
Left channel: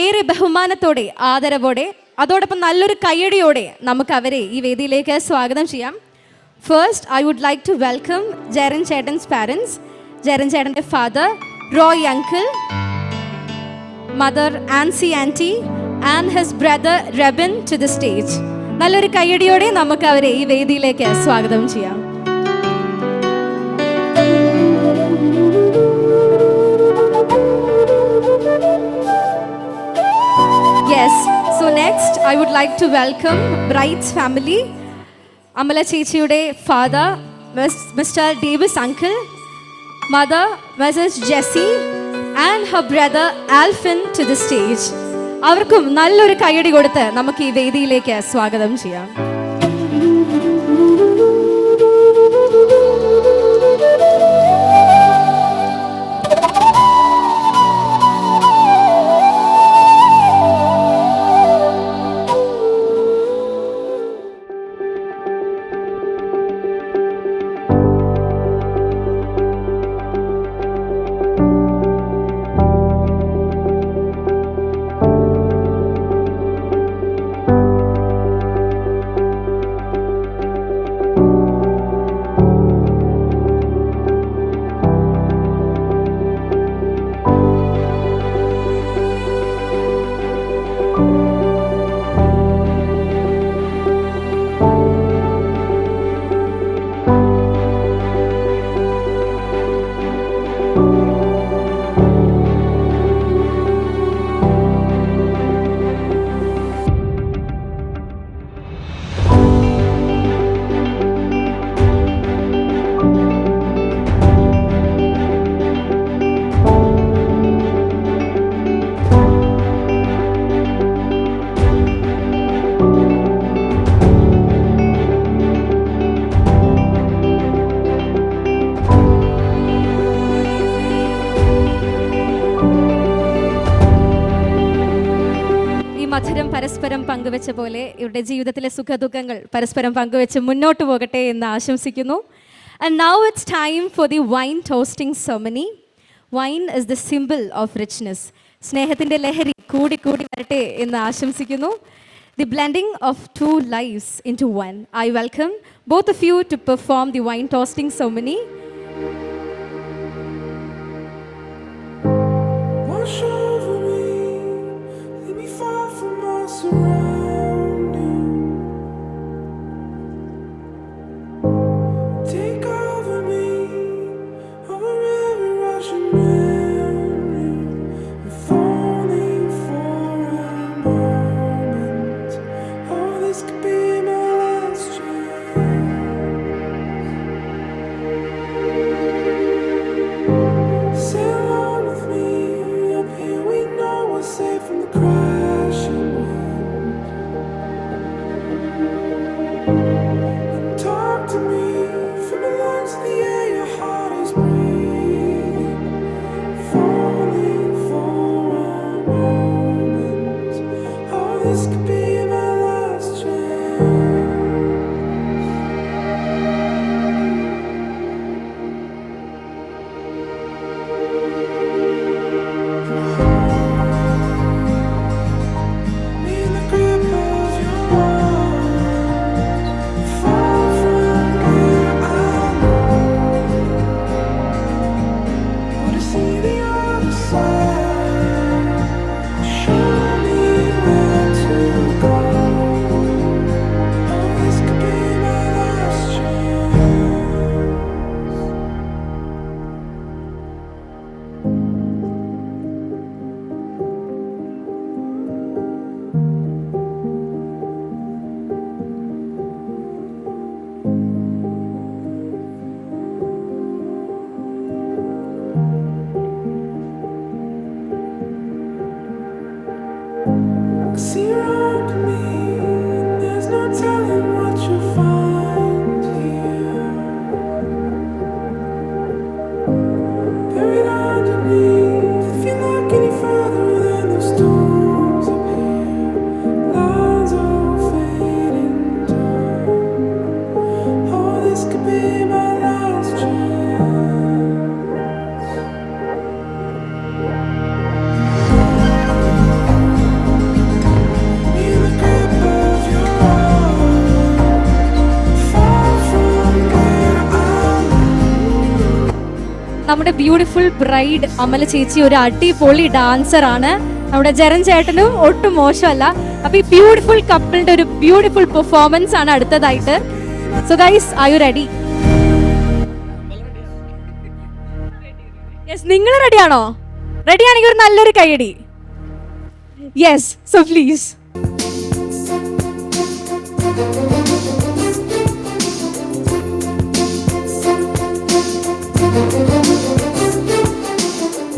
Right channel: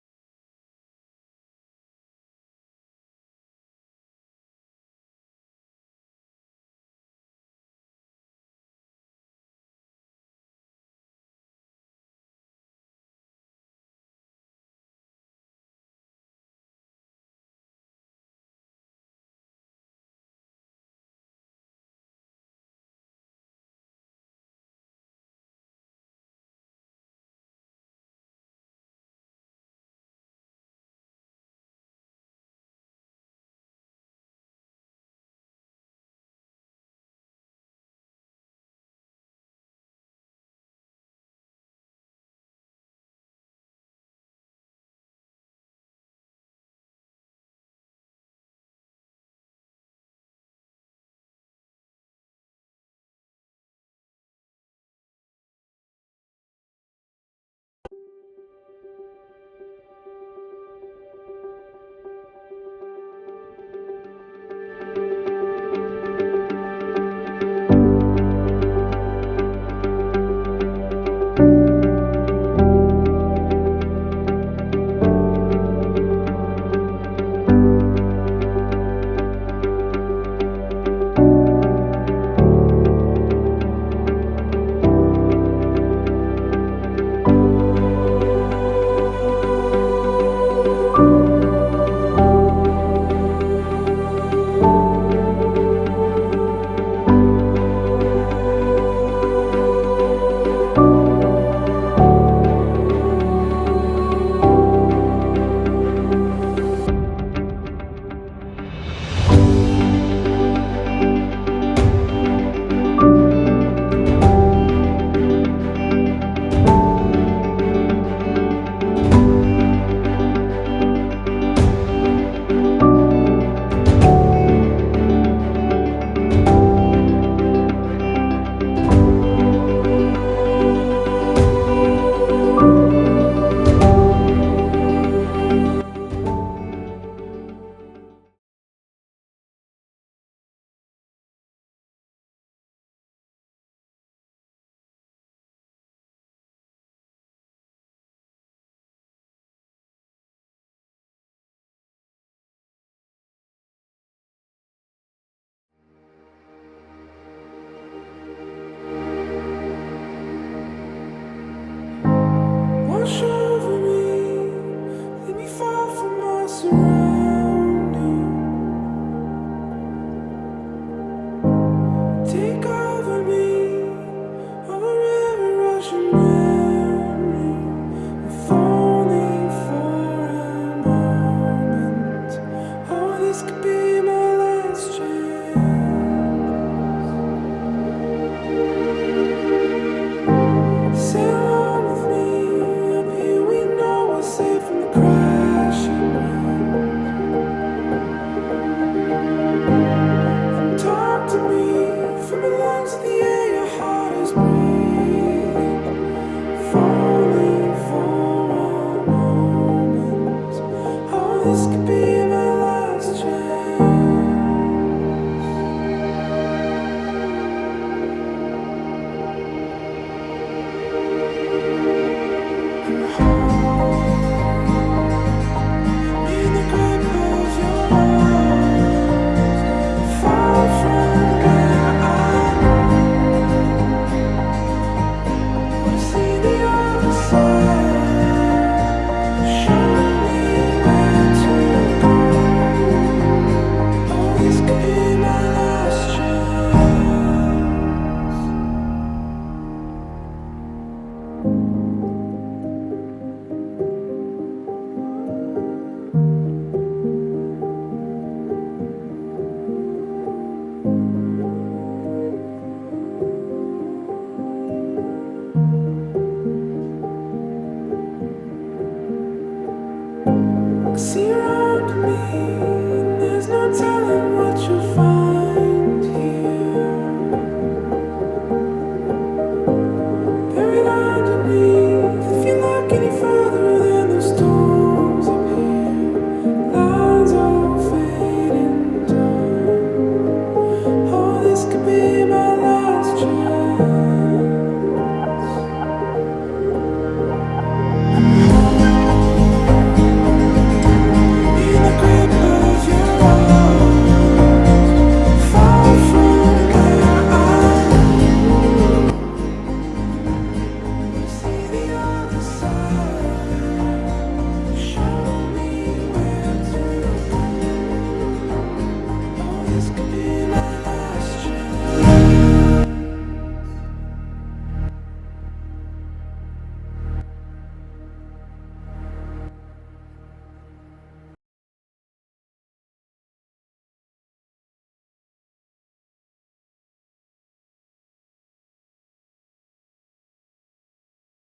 ഏറെ ബഹുമാനത്തോടെ ആദരവോടെ അതോടൊപ്പം നല്ലൊരു കയ്യടിയോടെ നമുക്ക് അവരെ ഈ വേദിയിലേക്ക് സ്വാഗതം ചെയ്യാം. First I would like to welcome Jerin ചേട്ടൻസ് പാരൻസ്, ജെറിൻ ചേട്ടൻ്റെ father Roy uncle, mother Ancy aunty and his brother Rebin to the stage. നല്ലൊരു കയ്യടിയോടെ നമുക്ക് അവരെ ഈ വേദിയിലേക്ക് സ്വാഗതം ചെയ്യാം. Yes, so next I would like to welcome Bride's family. Amala Chechiude father, Mr. Davis uncle, mother, Mrs. Jessie, and her brother Alvin to the stage. അവർക്കും നല്ലൊരു കയ്യടി കൊടുത്ത് നമുക്ക് ഈ വേദിയിലേക്ക് സ്വാഗതം ചെയ്യാം. പരസ്പരം പങ്കുവെച്ച പോലെ ഇവരുടെ ജീവിതത്തിലെ സുഖദുഃഖങ്ങൾ പരസ്പരം പങ്കുവെച്ച് മുന്നോട്ട് പോകട്ടെ എന്ന് ആശംസിക്കുന്നു. And now it's time for the wine toasting ceremony. Wine is the symbol of richness. സ്നേഹത്തിൻ്റെ ലഹരി കൂടി കൂടി വരട്ടെ എന്ന് ആശംസിക്കുന്നു. The blending of two lives into one. I welcome both of you to perform the wine toasting ceremony. Wash over me, let me fall from my surroundings. Take over me, over every rushing memory. If only for a moment. Oh, this could be my last chance. Sail on with me, up here we know we're safe from the crashing wind. And talk to me from the lungs of the air your heart is breathing. If only for a moment. Oh, this could be my last chance. In the grip of your arms, far from where I know. നമ്മുടെ beautiful bride Amala ചേച്ചി ഒരു അടിപൊളി dancer ആണ്. നമ്മുടെ ജരൻ ചേട്ടനും ഒട്ടും മോശമല്ല. അപ്പൊ ഈ ബ്യൂട്ടിഫുൾ കപ്പിളിന്റെ ഒരു ബ്യൂട്ടിഫുൾ പെർഫോമൻസ് ആണ് അടുത്തതായിട്ട്. So guys, are you ready? Yes, നിങ്ങൾ റെഡിയാണോ? റെഡിയാണെങ്കിൽ ഒരു നല്ലൊരു കൈയടി. Yes, so please.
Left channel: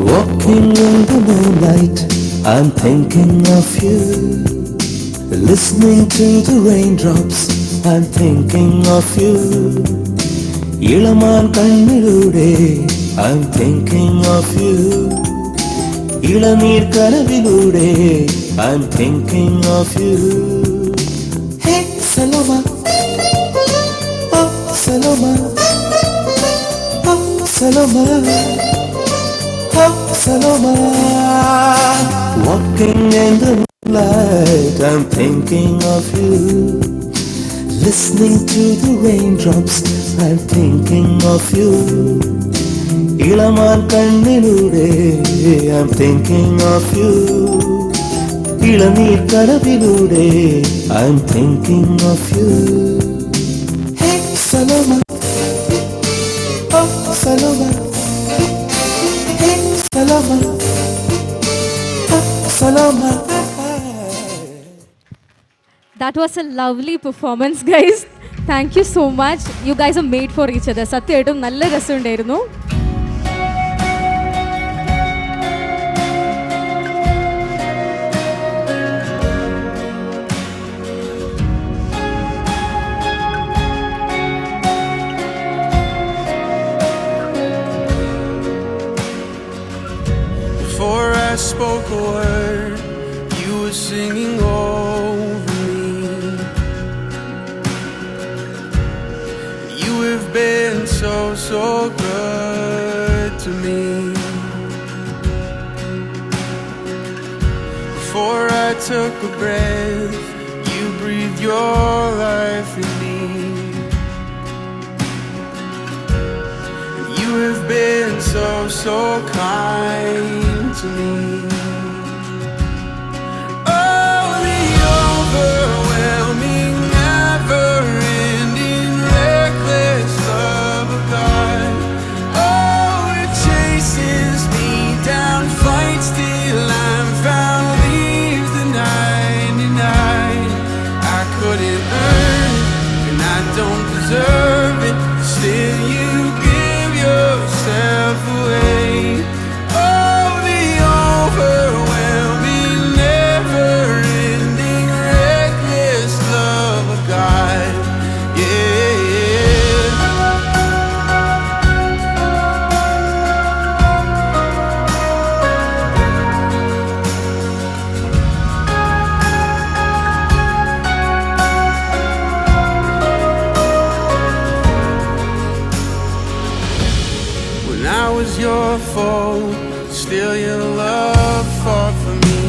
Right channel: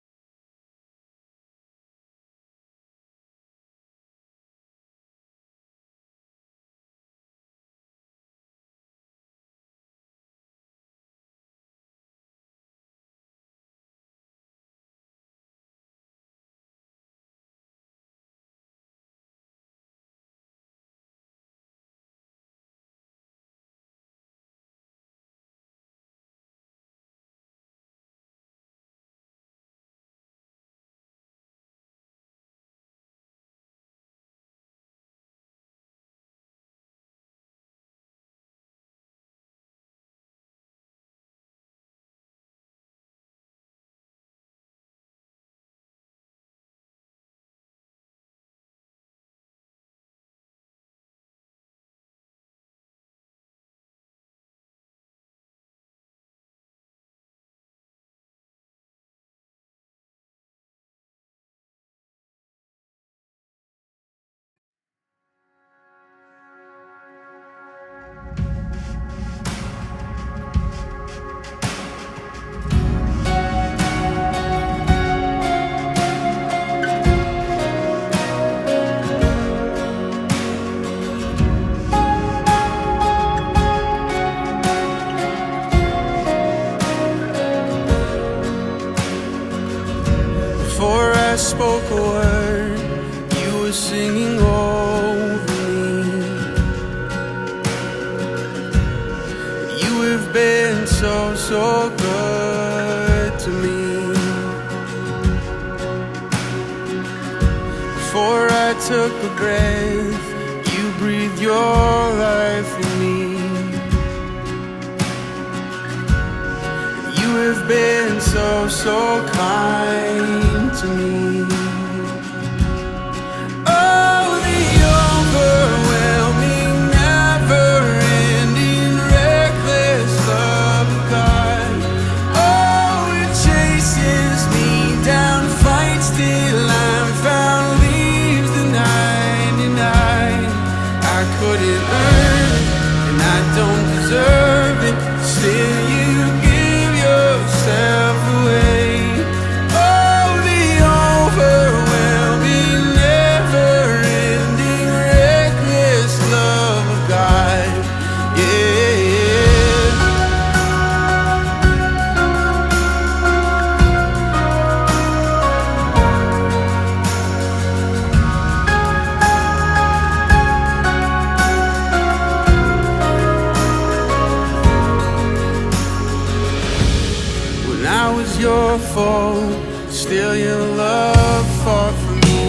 Walking in the moonlight, I'm thinking of you. Listening to the raindrops, I'm thinking of you. ഇളമാൻ കണ്ണിലൂടെ I'm thinking of you. ഇളനീർ കനവിലൂടെ I'm thinking of you. Hey Saloma, oh Saloma, oh Saloma, oh Saloma. Walking in the moonlight, I'm thinking of you. Listening to the raindrops, I'm thinking of you. ഇളമാൻ കണ്ണിലൂടെ I'm thinking of you. ഇളനീർ കനവിലൂടെ I'm thinking of you. Hey Saloma, oh Saloma, hey Saloma, oh Saloma. That was a lovely performance, guys. Thank you so much. You guys are made for each other. സത്യമായിട്ടും നല്ല രസമുണ്ടായിരുന്നു. Before I spoke a word, you were singing over me. You have been so, so good to me. Before I took a breath, you breathed your life in me. You have been so, so kind to me. Oh, the overwhelming, never-ending, reckless love of God. Oh, it chases me down, fights till I'm found, leaves the 99. I couldn't earn it, and I don't deserve it. Still, you give yourself away. Oh, the overwhelming, never-ending, reckless love of God. Yeah. When I was your foe, still your love fought for me.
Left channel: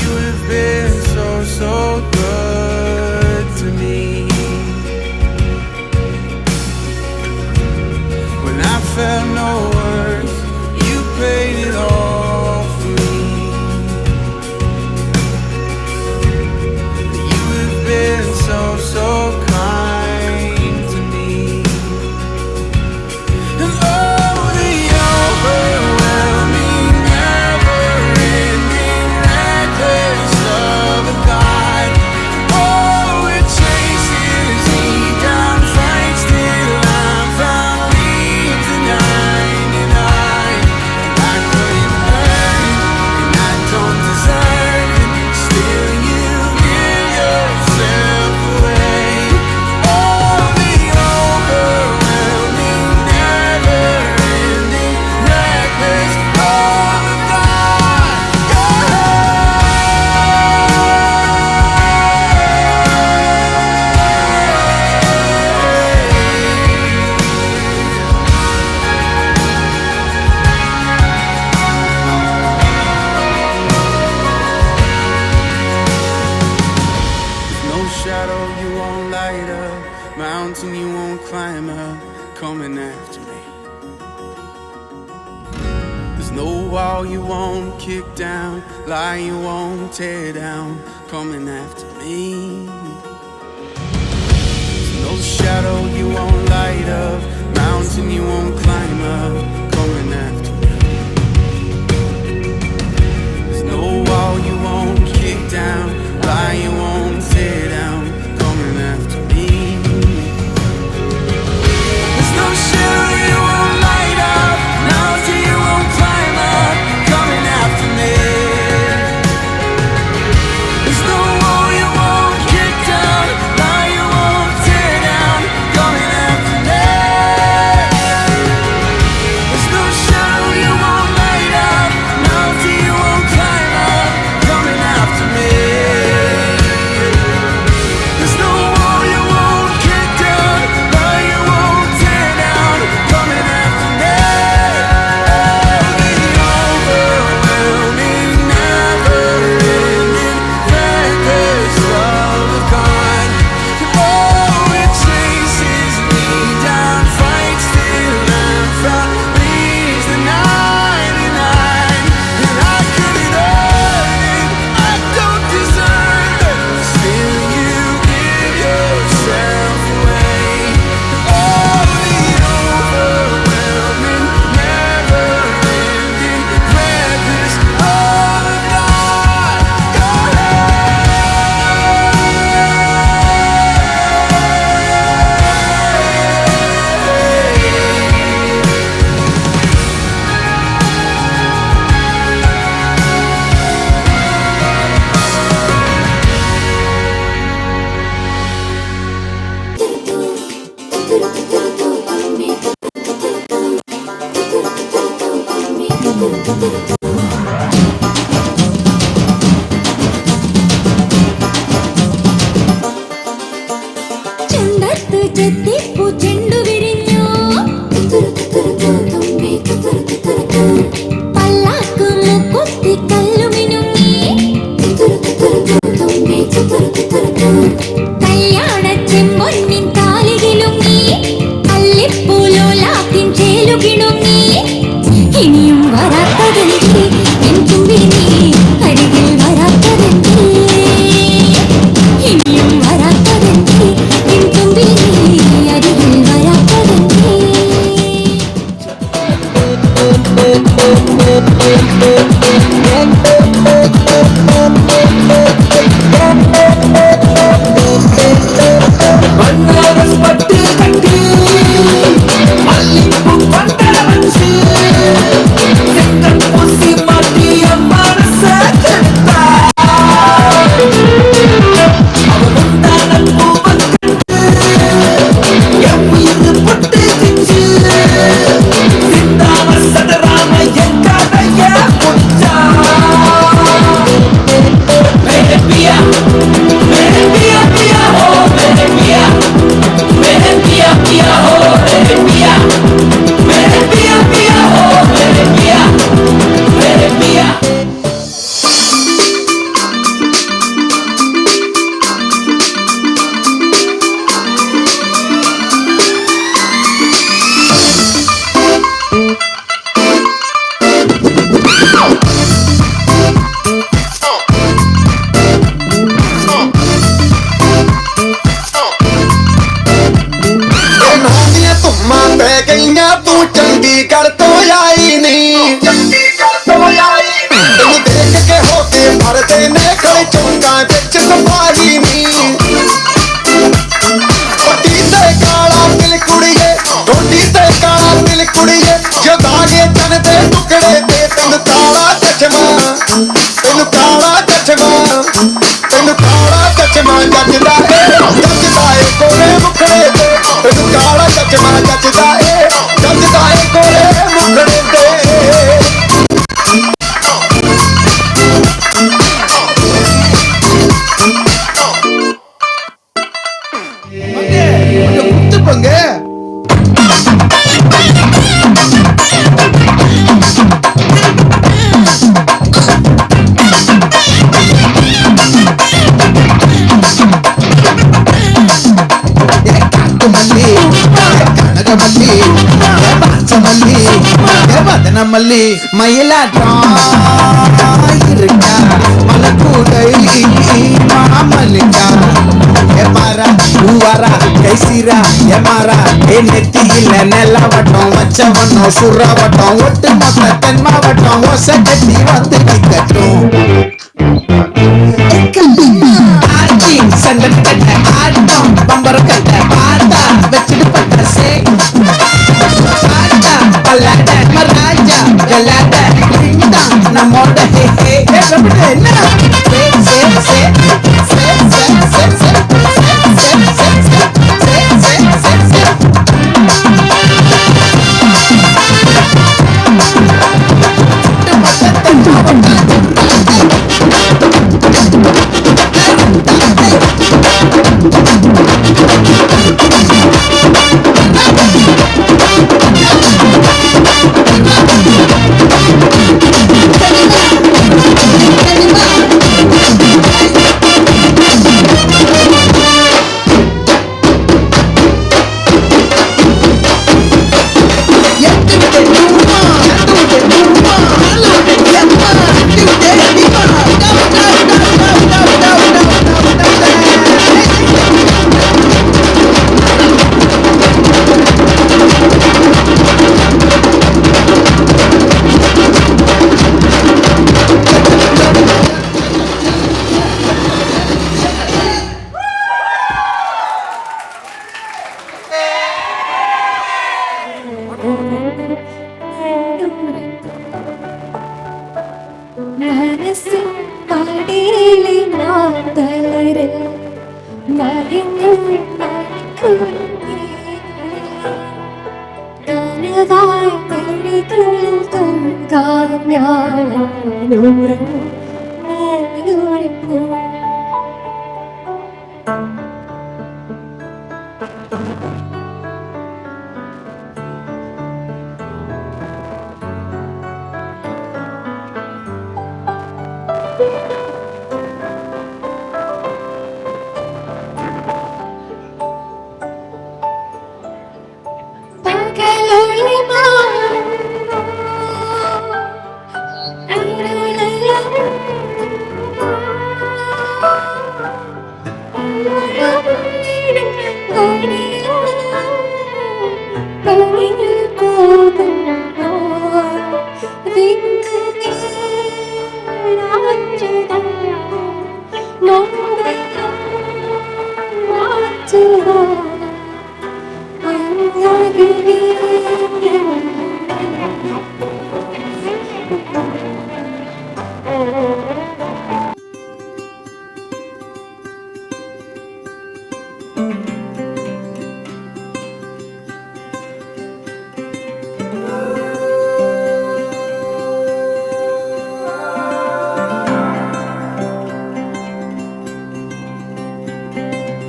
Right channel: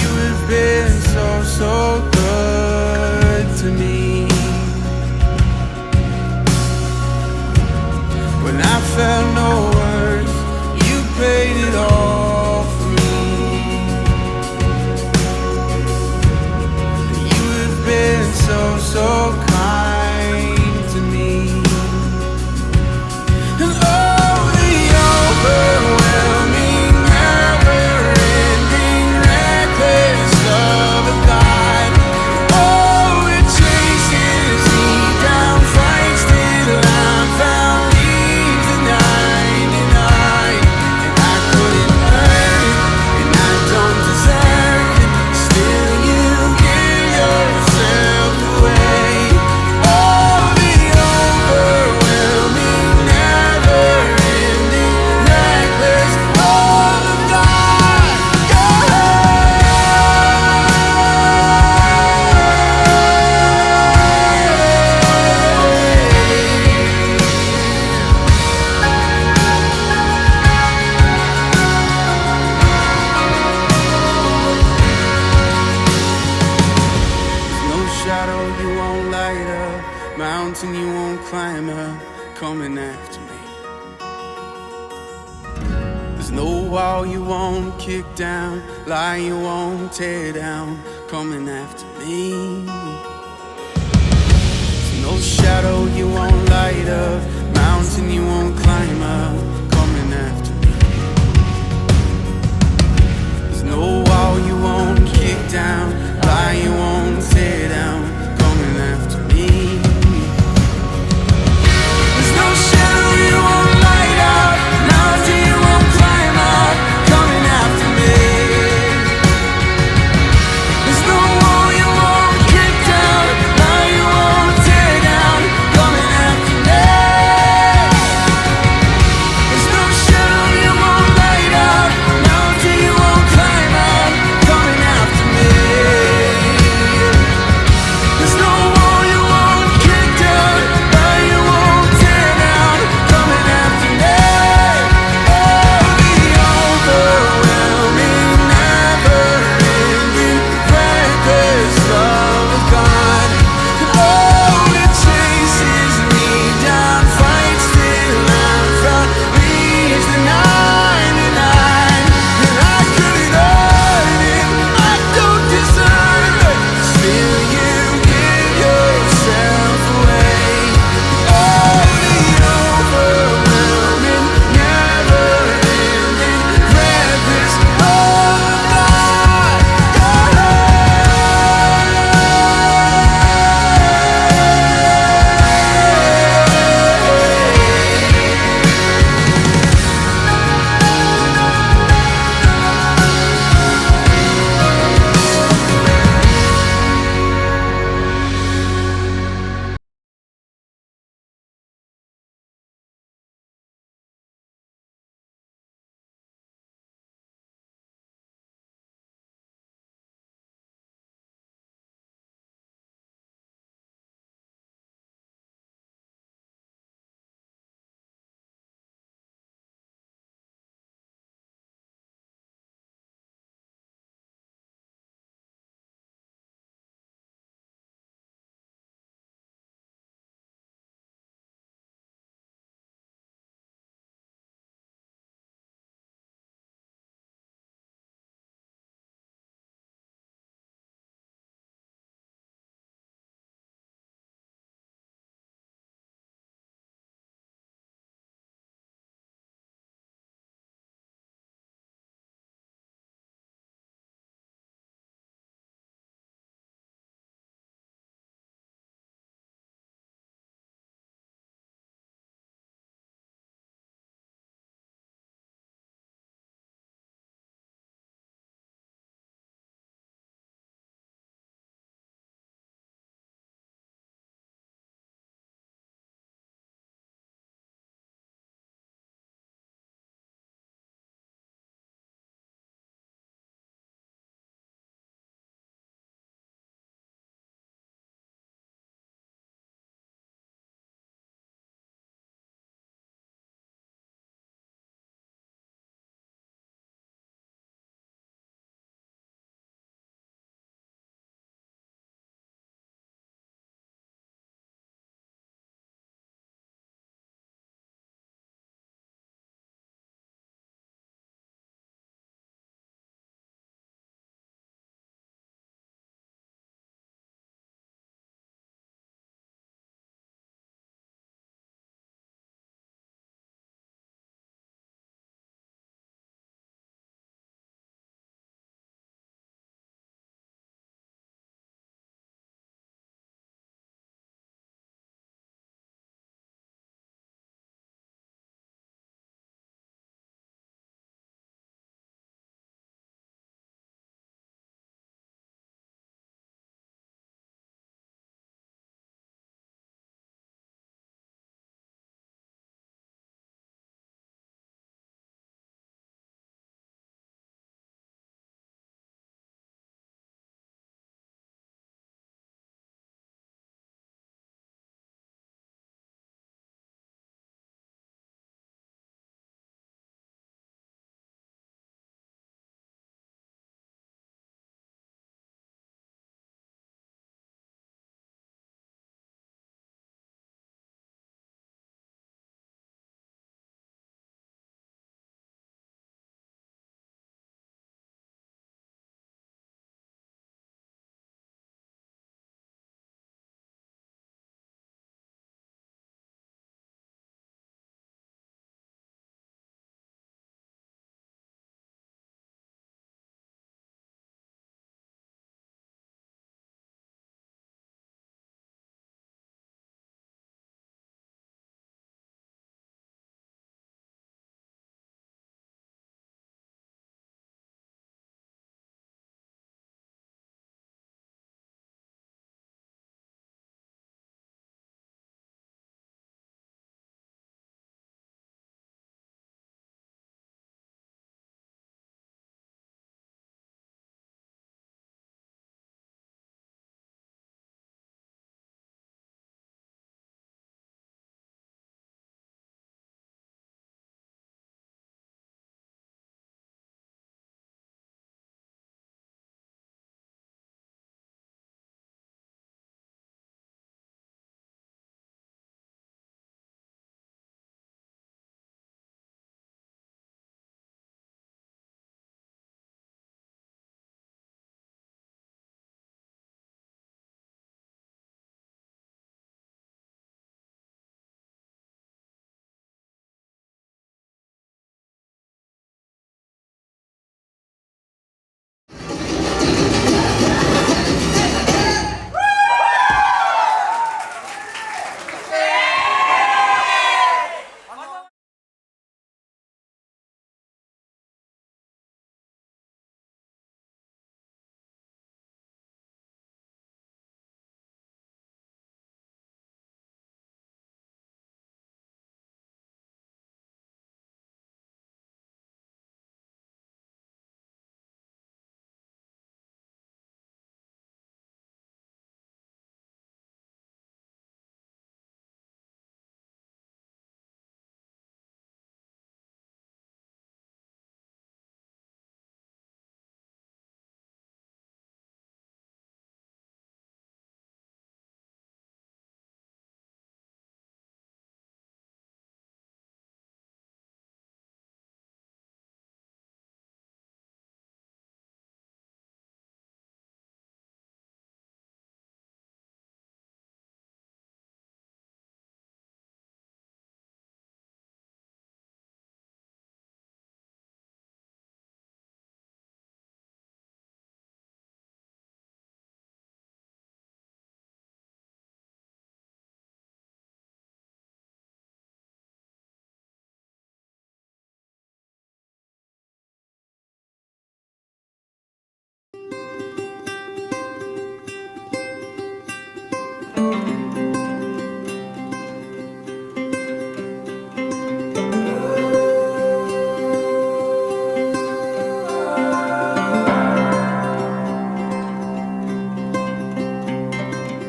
You have been so, so good to me. When I felt no worth, you paid it all for me. You have been so, so kind to me. And oh, the overwhelming, never-ending, reckless love of God. Oh, it chases me down, fights till I'm found, leaves the 99. I couldn't earn it, and I don't deserve it. Still, you give yourself away. Oh, shadow you won't light up, mountain you won't climb up, coming after me. There's no wall you won't kick down, lie you won't tear down, coming after me. There's no shadow you won't light up, mountain you won't climb up, coming after me. There's no wall you won't kick down, lie you won't tear down, coming after me. There's no shadow you won't light up, mountain you won't climb up, coming after me. There's no wall you won't kick down, lie you won't tear down, coming after me. There's no shadow you won't light up, mountain you won't climb up, coming after me. There's no wall you won't kick down, lie you won't tear down, coming after me. Oh, the overwhelming, never-ending, reckless love of God. Oh, it chases me down, fights till I'm found, leaves the 99, and I couldn't earn it, I don't deserve it, still you give yourself away. Oh, the overwhelming, never-ending, reckless love of God. ചെണ്ടത്ത് ചെത്തിപ്പൂ ചെണ്ടു വിരിഞ്ഞു പല്ലാക്ക് മുക്കുത്തി കല്ലുമിനുങ്ങി കല്യാണ ചെമ്പൊന്നിൻ താലികിലുങ്ങി അല്ലിപ്പൂലോലാത്തിൻ ചേലുകിണുങ്ങി ഇനിയും വരാത്തതെന്തേ N തുമ്പി നീ അരികിൽ വരാത്തതെന്തേ ഇനിയും വരാത്തതെന്തേ N തുമ്പി നീ അരികിൽ വരാത്തതെന്തേ வனமல்லி மயிலாட்டம் இருக்கா மலக்கூடை மாமல்லிக்கா எமாரா பூவாரா கைசீரா எமாரா நெத்தியில நெல்லவட்டம் வச்சவட்டம் சுறவட்டம் ஒட்டு மொத்த தென் மாவட்டம் ஒசை கட்டி வந்து நிக்கட்டும் சந்தன கட்ட ஆட்டம் பம்பர கட்ட பாத்தா வச்சுட்டு பட்ட சே பாத்தா பல்லாட்ட மராஜா கலாட்ட நம்மோட ஹே ஹே என்ன சே சே சே சே சே சே சே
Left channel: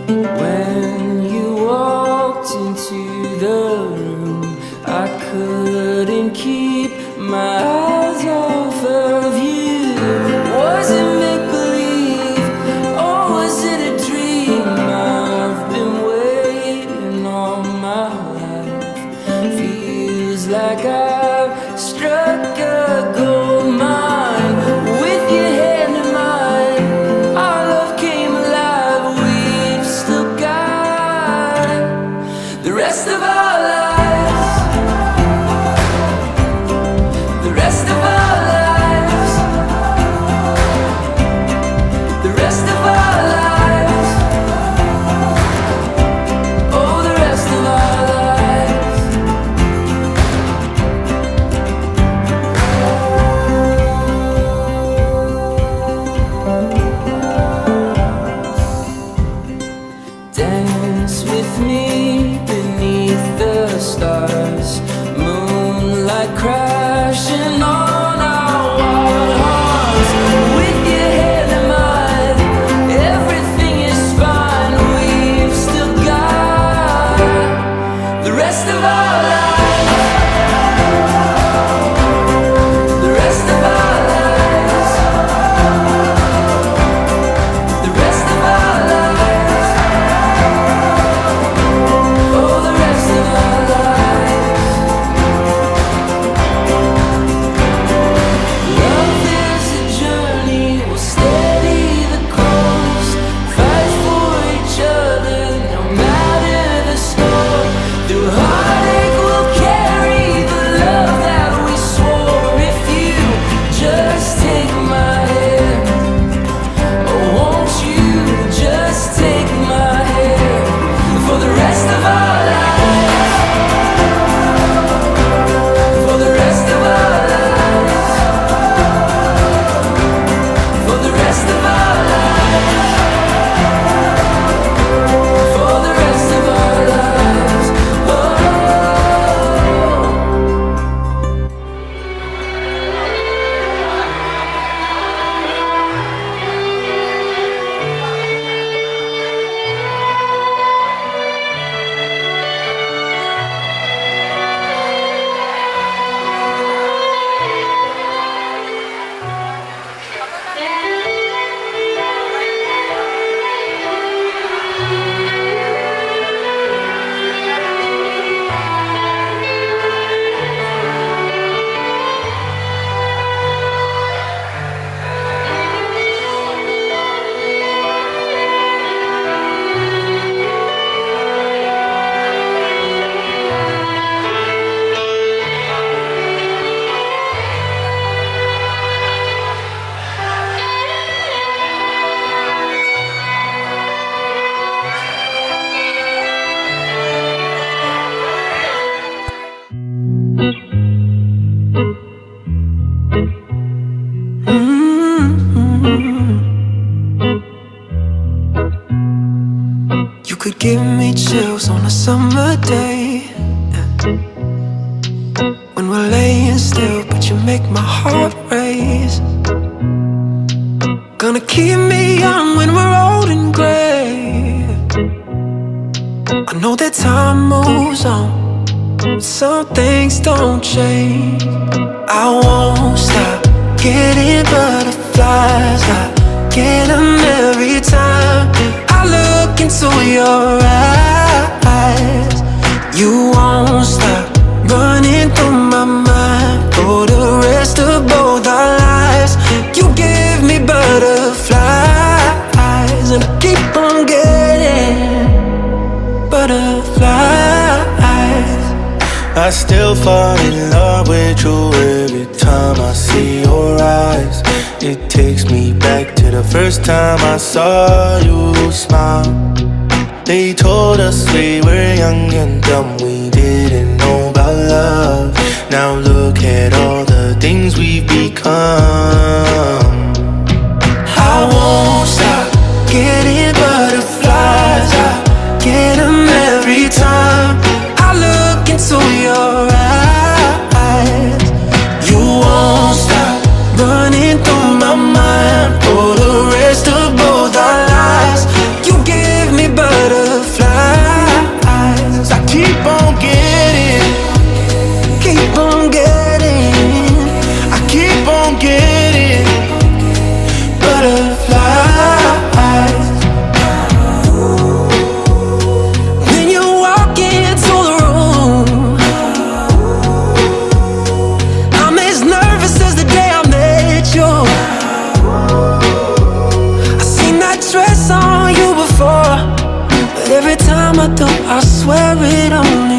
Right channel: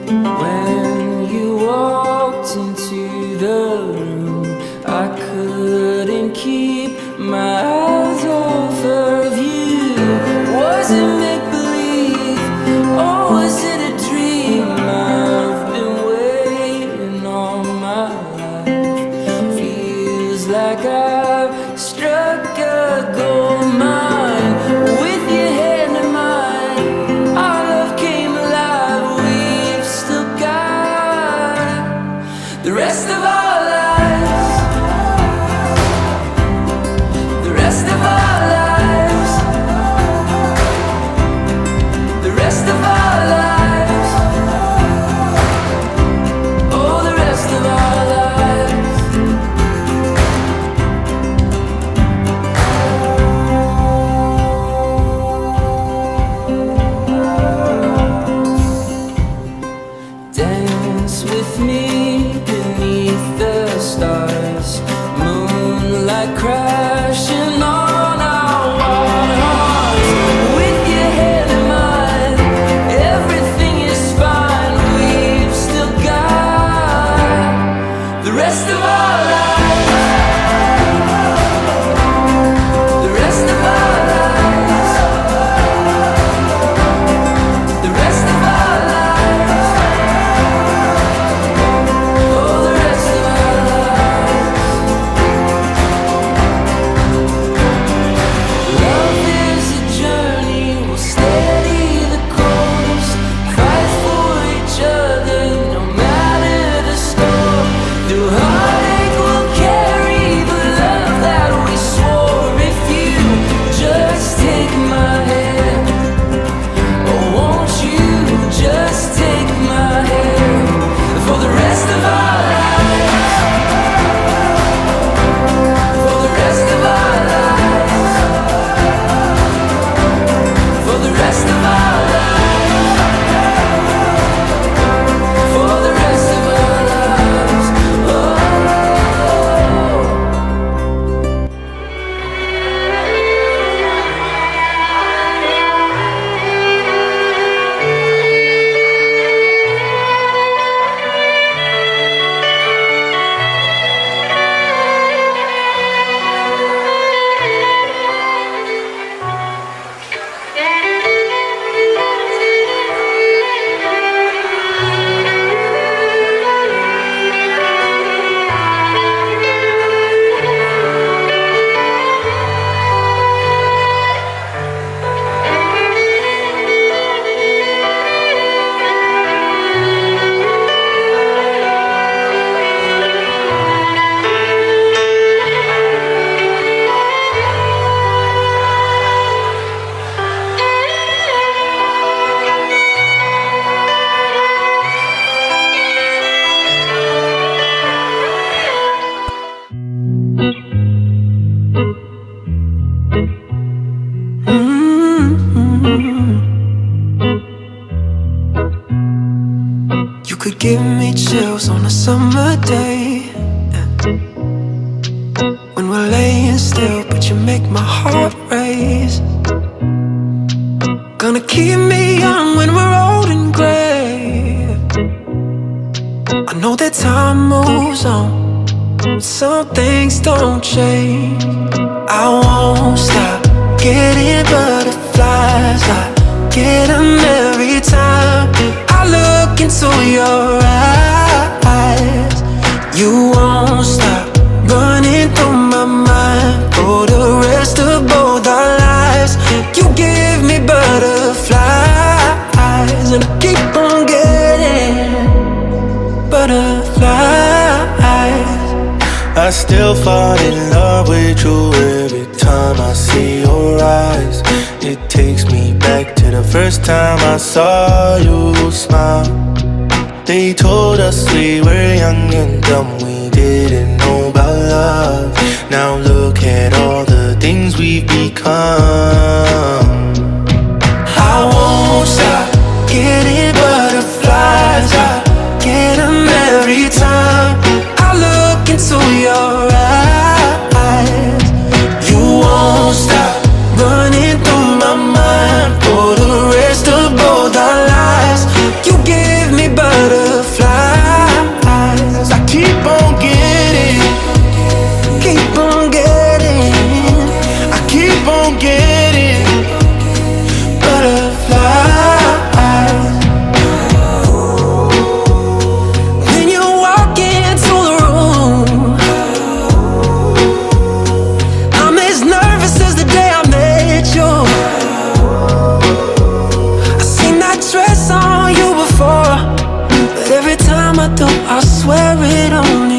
When you walked into the room, I couldn't keep my eyes off of you. Was it make-believe or was it a dream? I've been waiting all my life. Feels like I've struck a gold mine. With your hand in mine, our love came alive. We've still got the rest of our lives. The rest of our lives. The rest of our lives. Oh, the rest of our lives. Dance with me beneath the stars, moonlight crashing on our wild hearts. With your hand in mine, everything is fine. We've still got the rest of our lives. The rest of our lives. The rest of our lives. Oh, the rest of our lives. You could give me chills on a summer day, yeah. When we're laying still, but you make my heart race. Gonna keep me young when we're old and gray. I know that time moves on, some things don't change. I won't stop getting butterflies. I get them every time I look into your eyes. You won't stop running through my mind for the rest of both our lives. You give me butterflies, and I keep on getting butterflies. I still fall in love with you every time I see your eyes. It takes me back to the first time I saw you smile. They told us we were young and dumb, we didn't know about love. Now look at all the things we've become. I won't stop getting butterflies. I get them every time I look into your eyes. You won't stop running through my mind for the rest of both our lives. You give me butterflies. I keep on getting, I keep on getting butterflies. When you walk into the room, I'm as nervous as the day I met you. I seen that dress on you before, but every time I do, I swear it only